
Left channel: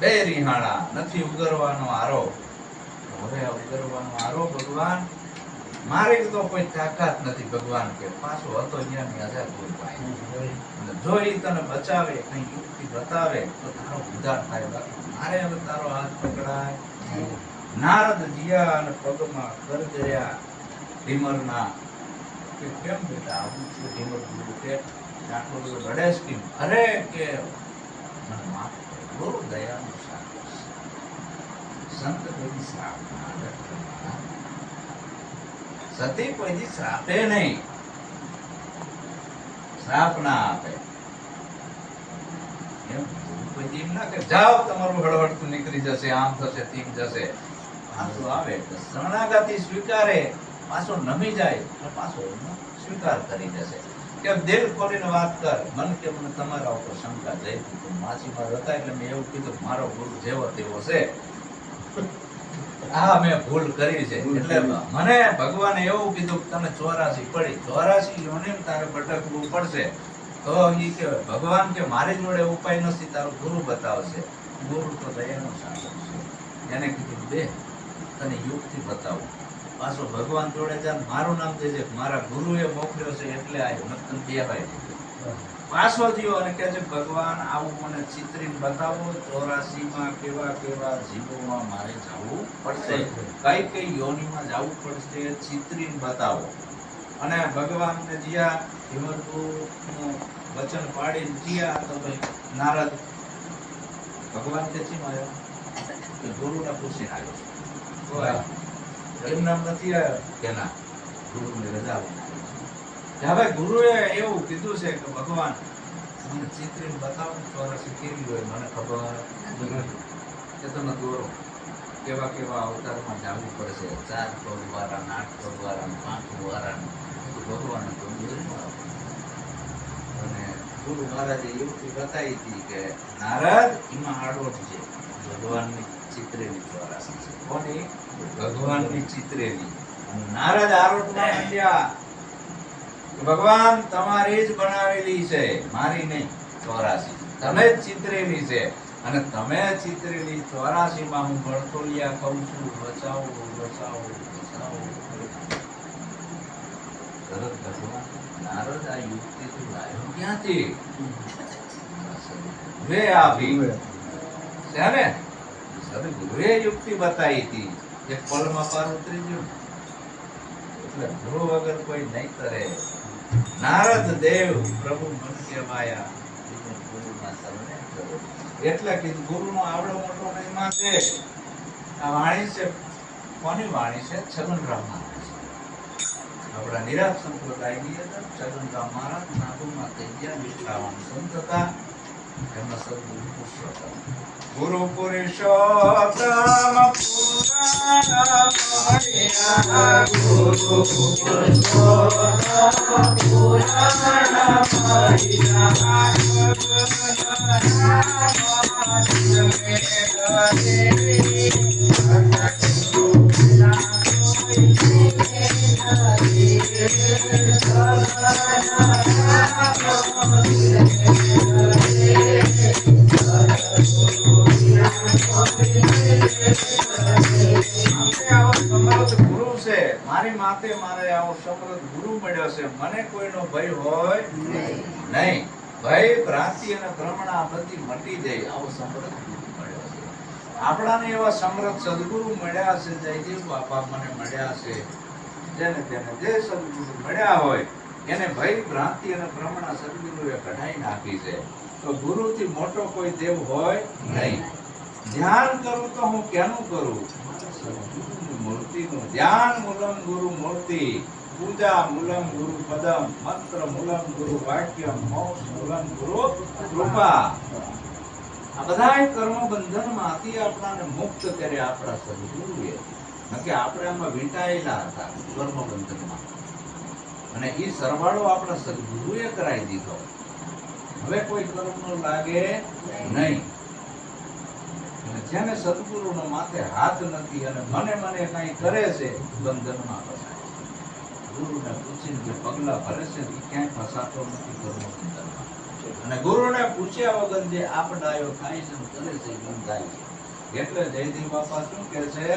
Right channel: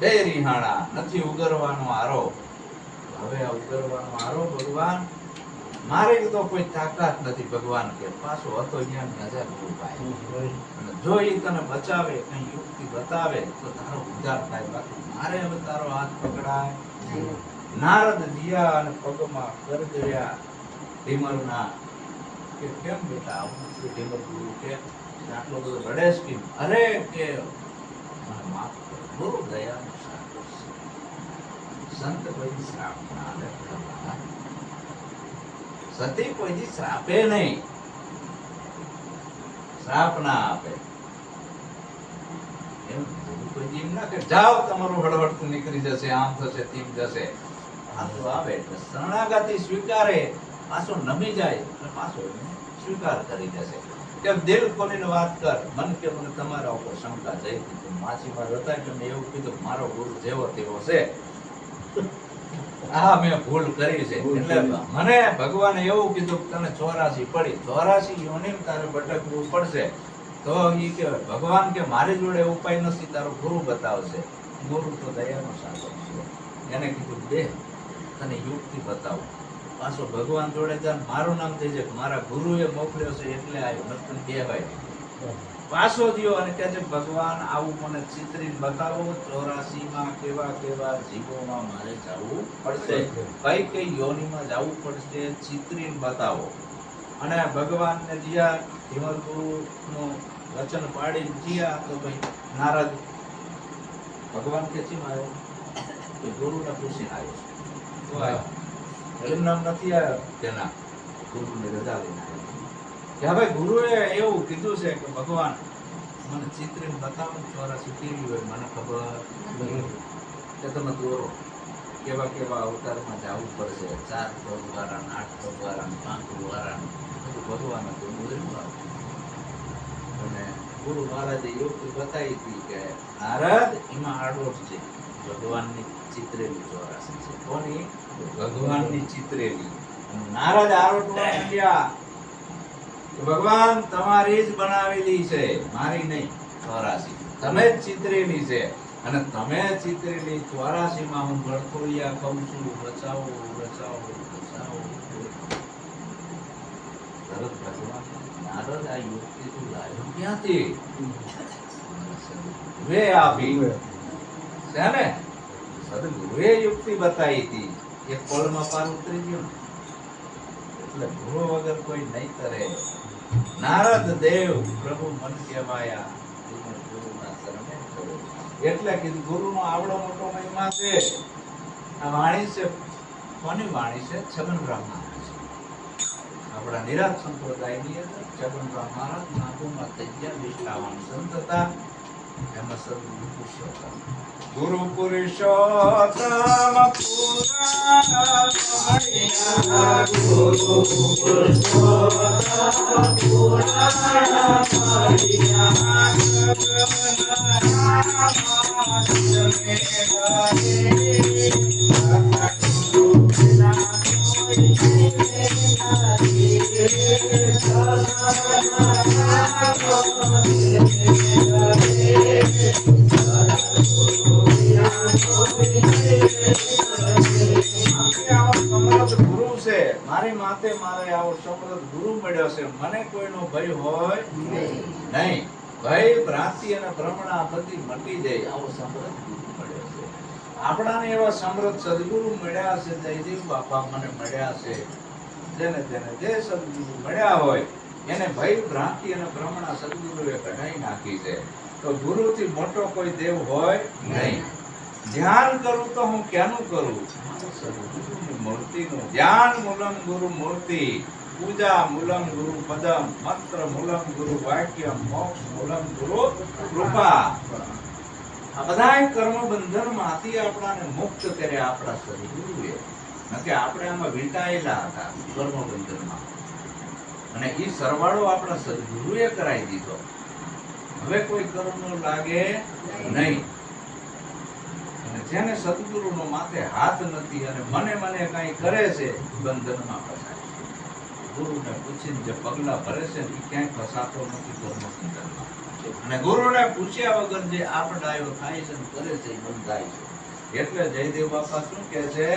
બે રિહાણા, નથી ઉગરવાનો આરો. હવે ઉગરવાનો આરો ભગવાન મારી તો કોઈ તાકાત નથી. ભગવાન કે પાછો હતો જ્ઞાની હજાર ગુરુ પાસે. અને જો ઈ તને બચાવે, કઈ યુક્તિ બતાવે તો તારો ઉદ્ધાર થાય. બાકી મારે હવે તારો હાથ પકડાય. નારદ જીયા અને પગમાં ગરગર્યા ઢીમરના કે કેમ બેટા આવું છે? ઢીમર ગુરુ કે આટલો બધો રડેશ કેમ? અરે કે મને માફ કરો, ગુરુ દયાનું સાગર છે. સંત કોઈ શ્રાપ ના આપે, સતી કોઈ શ્રાપે નહીં, શ્રાપ ના આપે. એમ કોઈ એમ ના કે જાઓ તમારું હળહળતું નીકળી જશે, આમ થશે, તેમ જશે. પાછો આવે એટલે શરણાગતિ સ્વીકારે, પાછો નમી જાય એટલે પાછો એનો સ્વીકાર કરી દેશે. કે દિલ ખોલીને વાત કર. મન કે મને તમારા ઉપર શંકા જઈ હતી, માછીમાર હતા એટલે મેં એવું કીધું મારો ગુરુ જેવો તેવો છે, આ મેં ભૂલ કરી છે. એટલે મને ભગવાને એવું કીધું તને 84 પડી, 84 યોનિમ તારે ભટકવું પડશે. તો ઈ કે ભગવાન કે મારી જોડે ઉપાય નથી, તારો ગુરુ બતાવશે. ગુરુ તો દયાનો સાગર છે. એને કીધું બે તને યુક્તિ બતાવું. પાછો ભગવાન જોડે જાય, મારું નામ દેજે, મારા ગુરુએ મોકલ્યો છે એટલે આવ્યો, નતર બે ભાઈ. પાછો થયો અને કહે છે ભગવાન આવું મને ચિત્રીને બતાવો. 84 માં કેવા કેવા જીવોમાં મારે જવું પડશે, કઈ કઈ યોનિમાં જવું પડશે, ચિત્રીને બતાવો. અને ભગવાનને જ્યાં હિમરગુરુનું વચન પાડી જ્યાં તો ભાઈ નારદ ભગવાન કે ચીમ આવ્યો? કે ગુરુને પૂછીને આવ્યો છે. તો એમ નામ નથી આવ્યો કે ના, ગુરુની રજા લઈને આવ્યો છે. હવે ગુરુએ એવું કીધું છે કે ભગવાન મને ચિત્રીને બતાવો, 84 કેવી હોય મને ખબર કે તમે દોરો. કેવા કેવા અવતારમાં જવું પડશે, 4 પગ વાળા, 8 પગ વાળા, 5 વાળા. ભગવાને તો દોરીમાં અને ગુરુ મહારાજે યુક્તિ બતાવી હતી કે નારદ એમાં આડોટ છે, ભગવાનની ચિત્રેલી 84 છે. કોની? ભગવાનની ચિત્રેલી. અને નારદ આરોટમાં માંડ્યા કે ભગવાન તમારી જ બનાવેલી છે, મારી નહીં. 84 તમે જ ચિત્રેલી છે. અને તમે ચિત્રેલી 84 માં હું ભણતોલિયા કહું છું, બચાવો બચાવો બચાવો. તરત ભગવાન નારદ આ યુક્તિ તું લાવ્યો ક્યાંથી? વે આપી છે ને, સદગુરુએ યુક્તિ બતાવી હતી. એક પળમાં પાર ઉતરી ગયો. એટલે ગુરુ વગર કોઈ નહીં કરે. નારદ દેવ પ્રભુ મન કહેવાયા, ગુરુના શરણે ચલો. એટલે કીધું ગુરુનો આવડો મોટો મહિમા છે. આ વાણી છે, કોની વાણી છે? છગનરામ મહારાજ. આપણા નિરાત સંપ્રદાયની અંદર છગનરામ મહારાજ નાગુમાં થઈ ગયા, 58 સંત હતા. એમાં સદગુરુ પુરુષોત્તમ, ગુરુ પુરુષોત્તમ પુરાણ મળ્યા, ગુરુ પુરુષોત્તમ પુરાણ મળ્યા. મારી માથે મારે આવો સમૃદ્ધ ગુરુ મળ્યો છે. મને કોઈનો ભય હોય નહીં. ભય ભ્રાંતિ અને ભ્રમણા બધી મટી જાય. આવો સમૃદ્ધ ગુરુ મળ્યો છે. આપણાને એવા સમૃદ્ધ સદગુરુ મળ્યા છે. જયદેવ બાપા મને મળ્યા છે. જેને તેને જે સદગુરુ મળ્યા હોય એને ભય ભ્રાંતિ અને ભ્રમણા સદગુરુએ કઢાઈ નાખી છે. તો ગુરુથી મોટો કોઈ દેવ હોય નહીં. ધ્યાન કરું તો હું કેનું કરું? સદગુરુની મૂર્તિનું ધ્યાન મૂલમ ગુરુ મૂર્તિ, પૂજા મૂલમ ગુરુ પદમ, મંત્ર મૂલમ ગુરુ વાક્ય, મોક્ષ મૂલમ ગુરુ કૃપા. આ બધાય કર્મ બંધનમાંથી આપણાને મુક્ત કર્યા આપણા સદગુરુએ. નકે આપણે આમાં વીંટાયેલા હતા કર્મ બંધનમાં, અને એ સરવાળો આપણા સદગુરુએ કરાવી દીધો. હવે કોઈ કર્મનો લાગે નહીં. અને જેને સદગુરુનો માથે હાથ નથી અને મને કઈ કરે છે, બંધનમાં ફસાય છે. ગુરુને પૂછીને જે પગલા ભરે છે એ ક્યાંય ફસાતો નથી કર્મ બંધનમાં. અને ગુરુને પૂછ્યા વગર જે આપડાયો થાય છે ને કરે છે એ બંધાય છે. એટલે જયદેવ બાપા શું કહે છે?